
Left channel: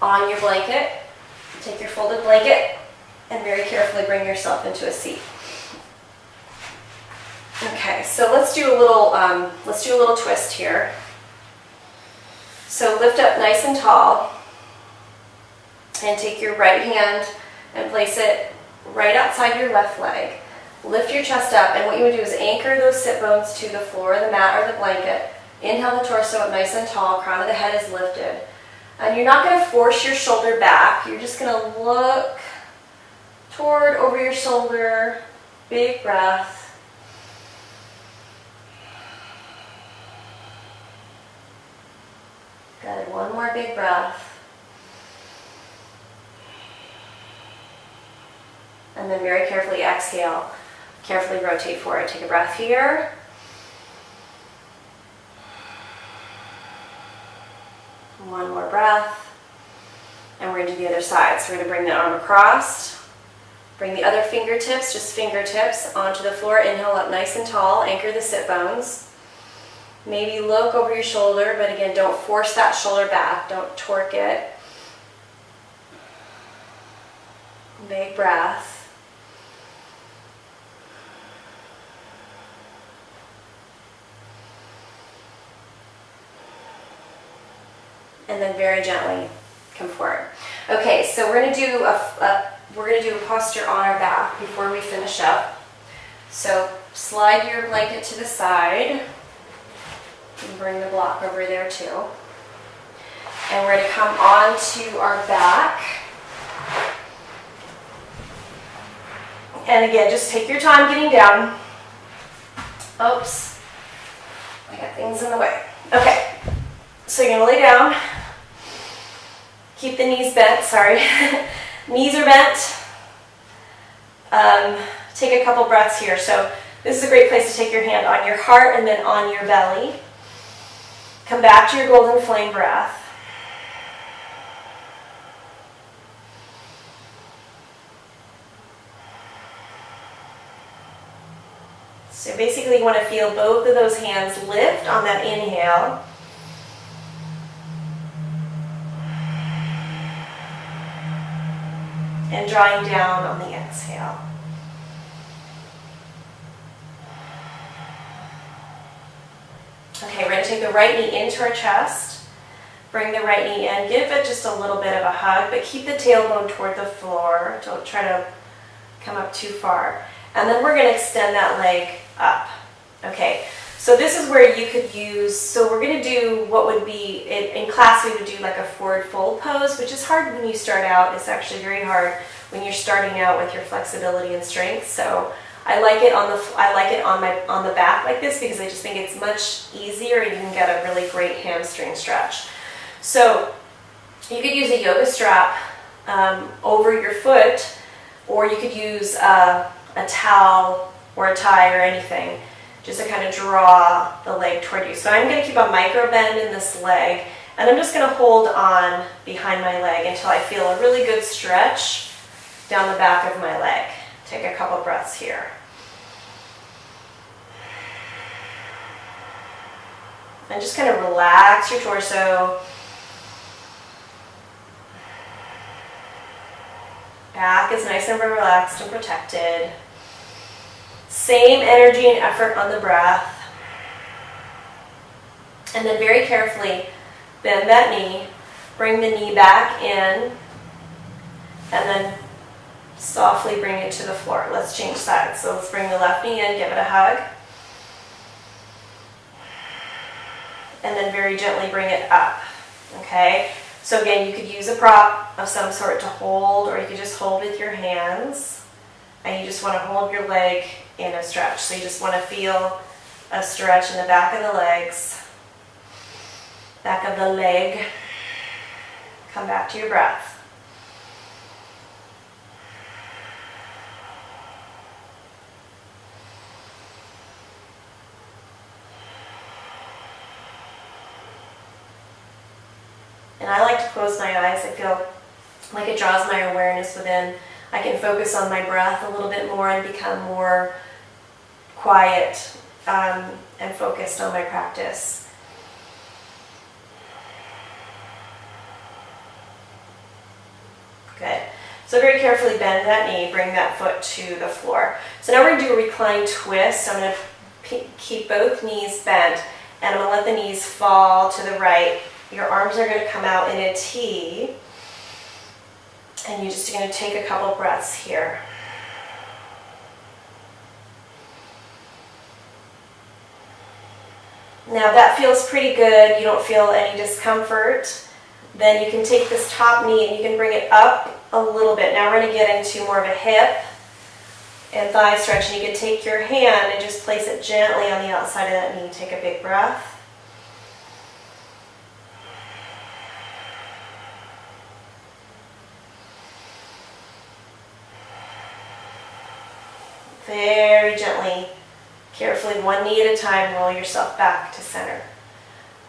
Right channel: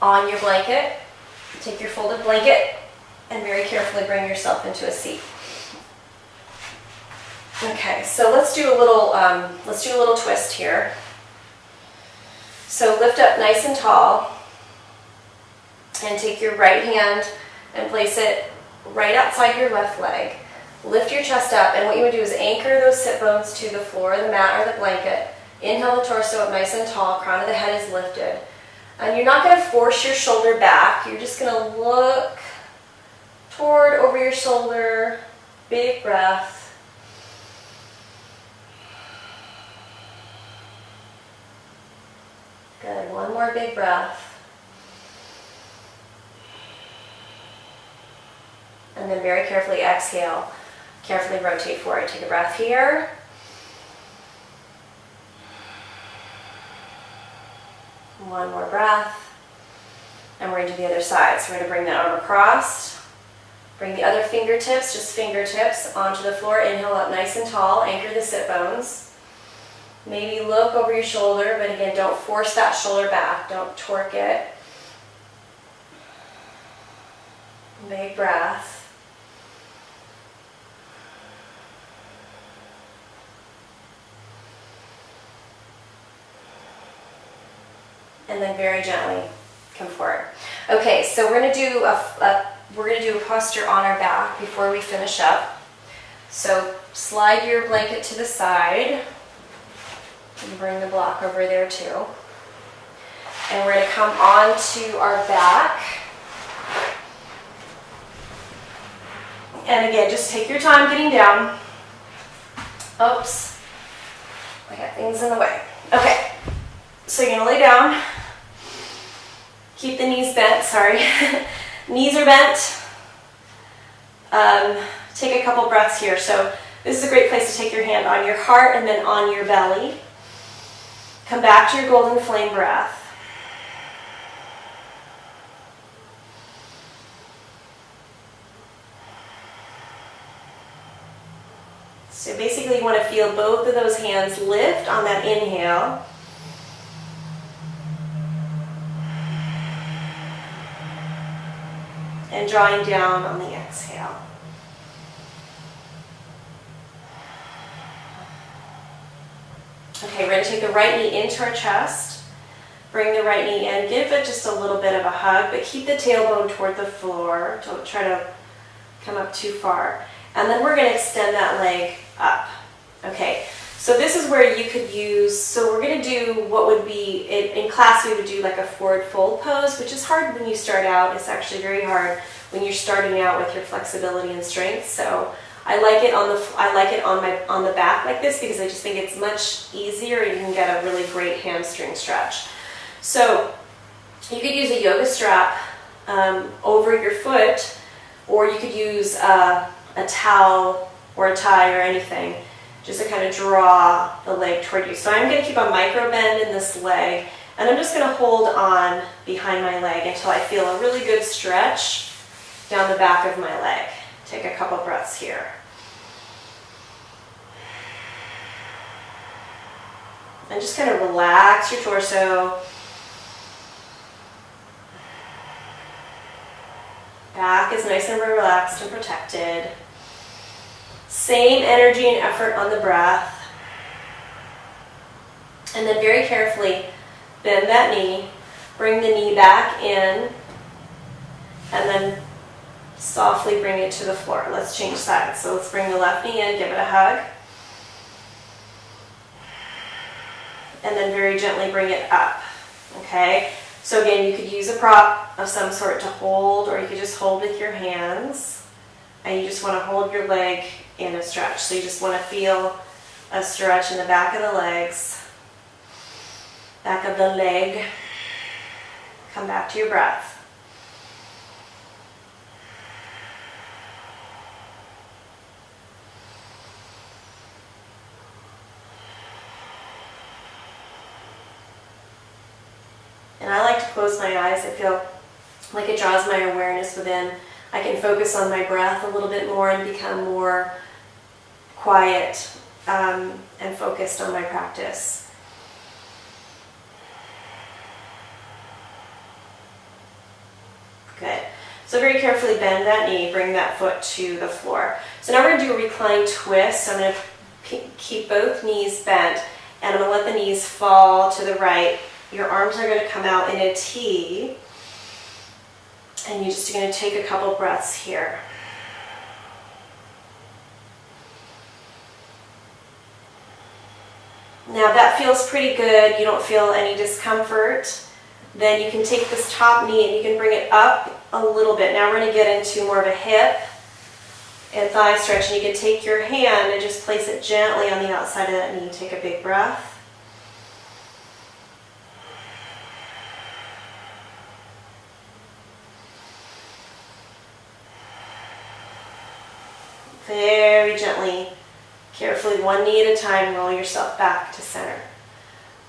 on your blanket, take your folded blanket and very carefully bring yourself into a seat. Okay, so let's do a little twist here. So lift up nice and tall and take your right hand and place it right outside your left leg. Lift your chest up, and what you would do is anchor those sit bones to the floor, the mat, or the blanket. Inhale the torso up nice and tall, crown of the head is lifted. And you're not going to force your shoulder back, you're just going to look toward over your shoulder, big breath. Good, one more big breath. And then very carefully exhale. Carefully rotate forward. Take a breath here. One more breath. And we're going to do the other side. So we're going to bring the arm across. Bring the other fingertips, just fingertips, onto the floor. Inhale up nice and tall. Anchor the sit bones. Maybe look over your shoulder, but again, don't force that shoulder back. Don't torque it. Big breath. And then very gently come forward. Okay, so we're going to do a posture on our back before we finish up. So slide your blanket to the side. And bring the block over there too. And we're going to come onto our back. And again, just take your time getting down. Oops. I got things in the way. Okay. So you're going to lay down. Keep the knees bent, sorry. Knees are bent. Take a couple breaths here. So this is a great place to take your hand on your heart and then on your belly. Come back to your golden flame breath. So basically you want to feel both of those hands lift on that inhale. And drawing down on the exhale. Okay, we're going to take the right knee into our chest. Bring the right knee in. Give it just a little bit of a hug, but keep the tailbone toward the floor. Don't try to come up too far. And then we're going to extend that leg up. Okay, so this is where you could use, so we're going to do what would be, in class we would do like a forward fold pose, which is hard when you start out. It's actually very hard when you're starting out with your flexibility and strength. So I like it on the back like this because I just think it's much easier. You can get a really great hamstring stretch. So you could use a yoga strap over your foot, or you could use a towel or a tie or anything just to kind of draw the leg toward you. So I'm going to keep a micro bend in this leg, and I'm just going to hold on behind my leg until I feel a really good stretch down the back of my leg. Take a couple breaths here. And just kind of relax your torso. Back is nice and relaxed and protected. Same energy and effort on the breath. And then very carefully bend that knee. Bring the knee back in. And then softly bring it to the floor. Let's change sides. So let's bring the left knee in, give it a hug. And then very gently bring it up. Okay, so again, you could use a prop of some sort to hold, or you could just hold with your hands, and you just want to hold your leg in a stretch. So you just want to feel a stretch in the back of the legs, back of the leg. Come back to your breath. And I like to close my eyes. I feel like it draws my awareness within. I can focus on my breath a little bit more and become more quiet and focused on my practice. Good. So very carefully bend that knee, bring that foot to the floor. So now we're going to do a reclined twist. So I'm going to keep both knees bent, and I'm going to let the knees fall to the right. Your arms are going to come out in a T, and you're just going to take a couple breaths here. Now that feels pretty good. You don't feel any discomfort. Then you can take this top knee and you can bring it up a little bit. Now we're going to get into more of a hip and thigh stretch, and you can take your hand and just place it gently on the outside of that knee. Take a big breath. Very gently, carefully, one knee at a time, roll yourself back to center.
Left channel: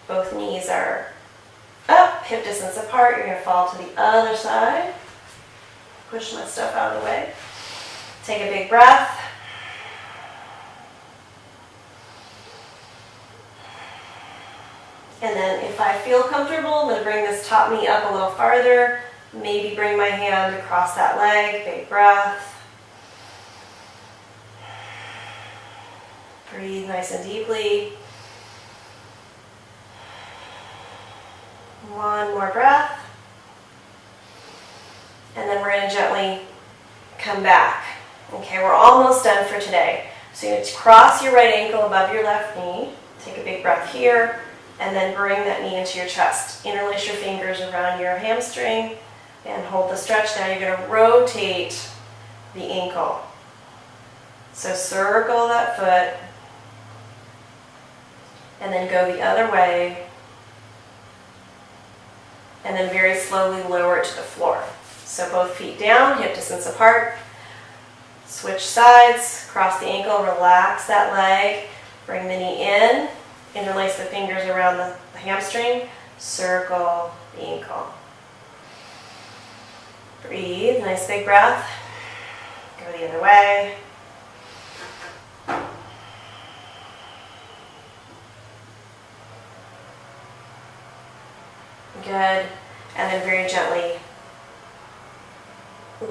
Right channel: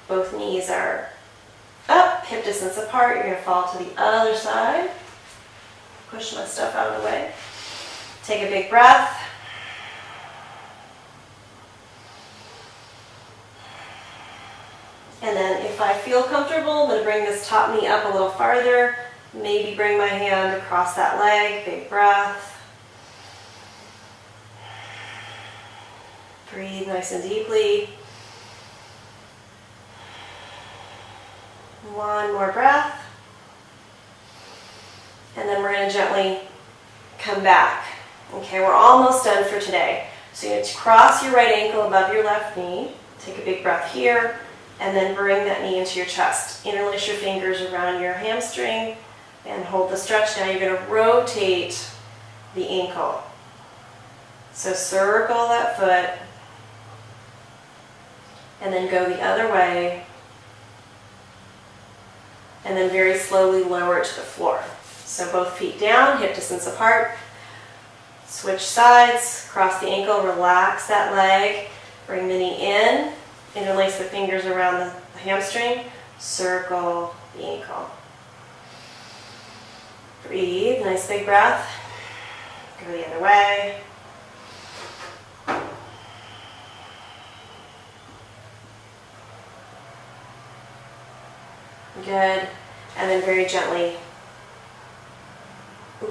Both knees are up, hip distance apart. You're going to fall to the other side. Push my stuff out of the way. Take a big breath. And then if I feel comfortable, I'm going to bring this top knee up a little farther. Maybe bring my hand across that leg. Big breath. Breathe nice and deeply. One more breath. And then we're going to gently come back. Okay, we're almost done for today. So you're going to cross your right ankle above your left knee. Take a big breath here. And then bring that knee into your chest. Interlace your fingers around your hamstring and hold the stretch. Now you're going to rotate the ankle. So circle that foot. And then go the other way, and then very slowly lower it to the floor. So both feet down, hip distance apart. Switch sides, cross the ankle, relax that leg, bring the knee in, interlace the fingers around the hamstring, circle the ankle. Breathe, nice big breath. Go the other way. Good. And then very gently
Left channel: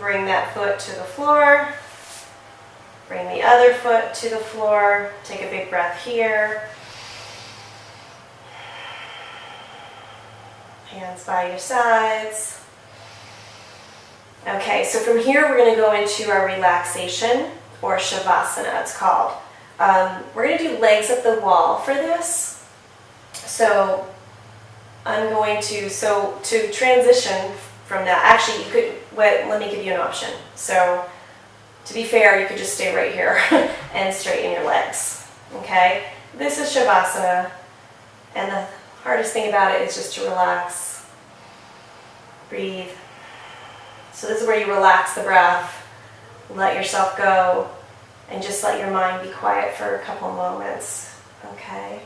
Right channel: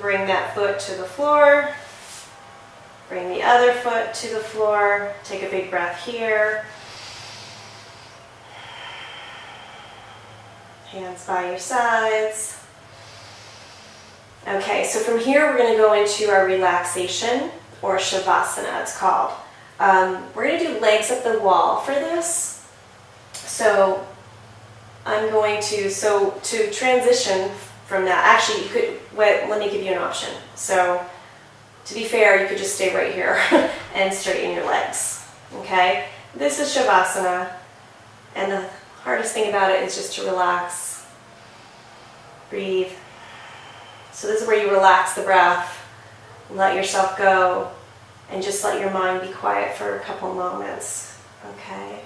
bring that foot to the floor. Bring the other foot to the floor. Take a big breath here. Hands by your sides. Okay, so from here we're going to go into our relaxation, or Shavasana it's called. We're going to do legs up the wall for this. So I'm going to, to transition from that, actually you could, let me give you an option. So to be fair, you could just stay right here and straighten your legs, okay? This is Shavasana, and the hardest thing about it is just to relax, breathe. So this is where you relax the breath, let yourself go, and just let your mind be quiet for a couple moments, okay?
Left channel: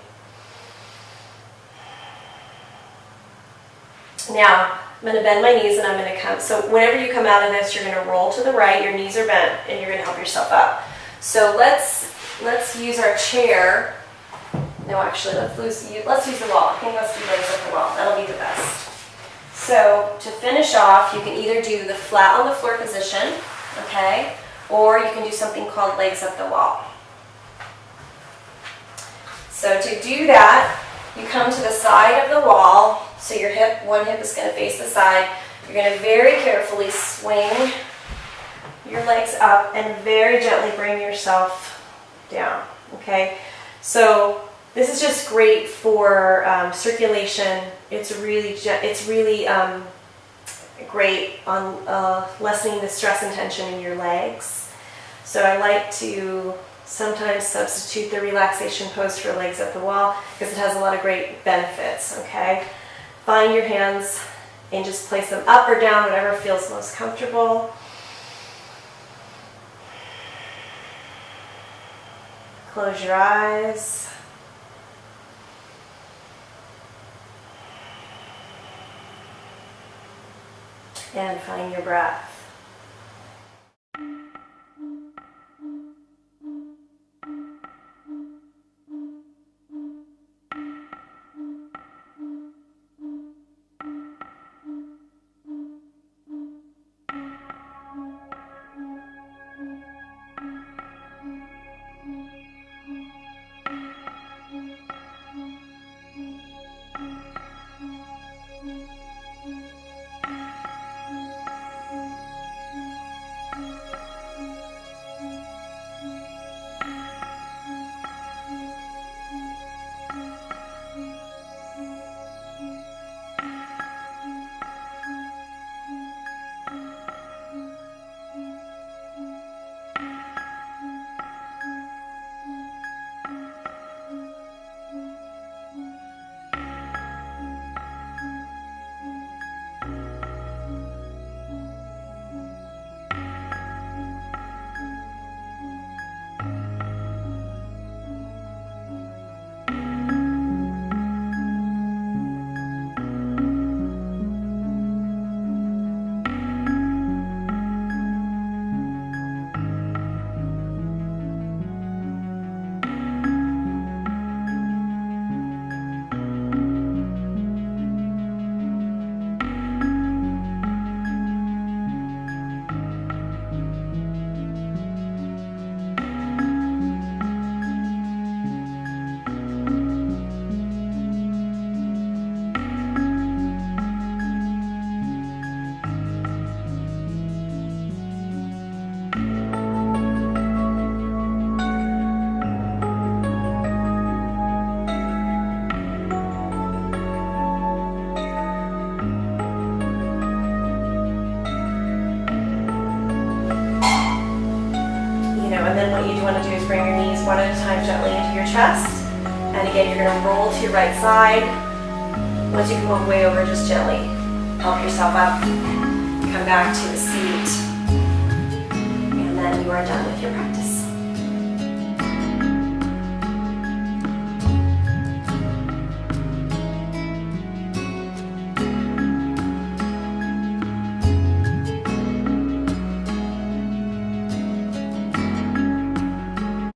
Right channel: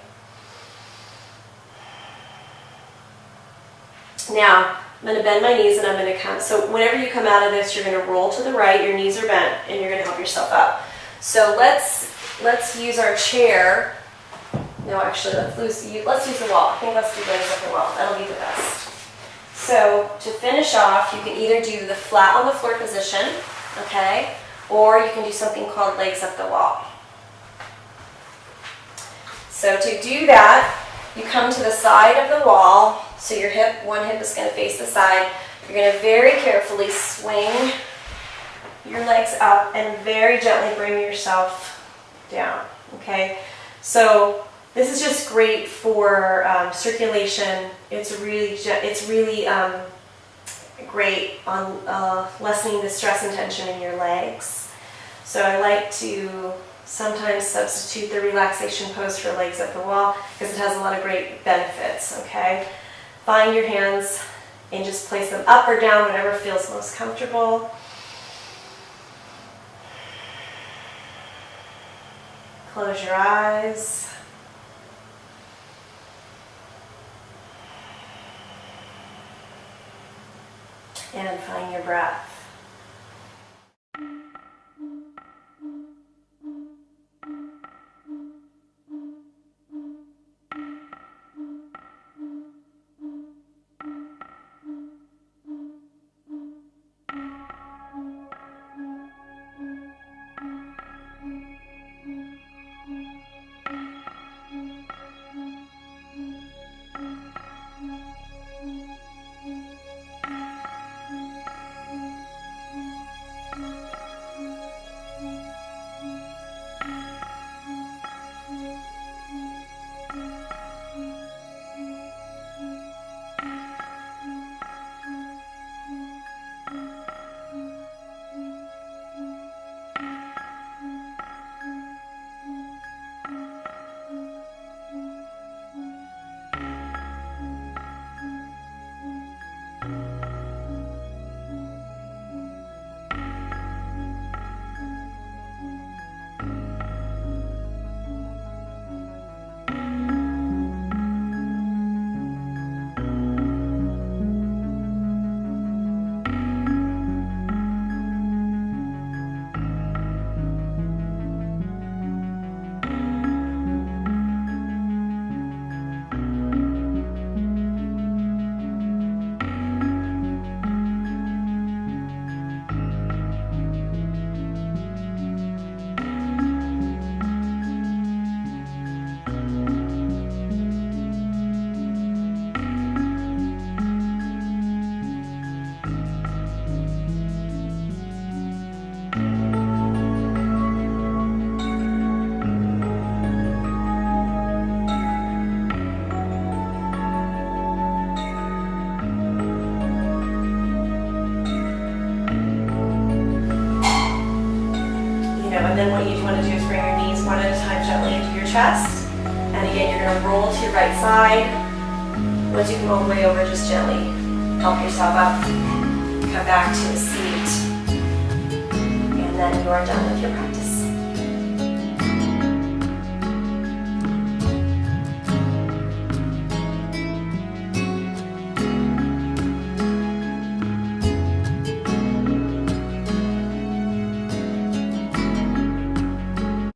Now, I'm going to bend my knees and I'm going to come. So whenever you come out of this, you're going to roll to the right, your knees are bent, and you're going to help yourself up. So let's use our chair. No, actually, let's use the wall. I think let's do legs up the wall. That'll be the best. So to finish off, you can either do the flat on the floor position, okay, or you can do something called legs up the wall. So to do that, you come to the side of the wall. So your one hip is going to face the side. You're going to very carefully swing your legs up and very gently bring yourself down, okay? So This is just great for circulation. It's really great on lessening the stress and tension in your legs. So I like to sometimes substitute the relaxation pose for legs up the wall because it has a lot of great benefits, okay? Find your hands and just place them up or down, whatever feels most comfortable. Close your eyes. And find your breath. And then what you want to do is bring your knees one at a time gently into your chest. And again, you're going to roll to your right side. Once you come all the way over, just gently help yourself up. Come back to a seat. And then you are done with your practice.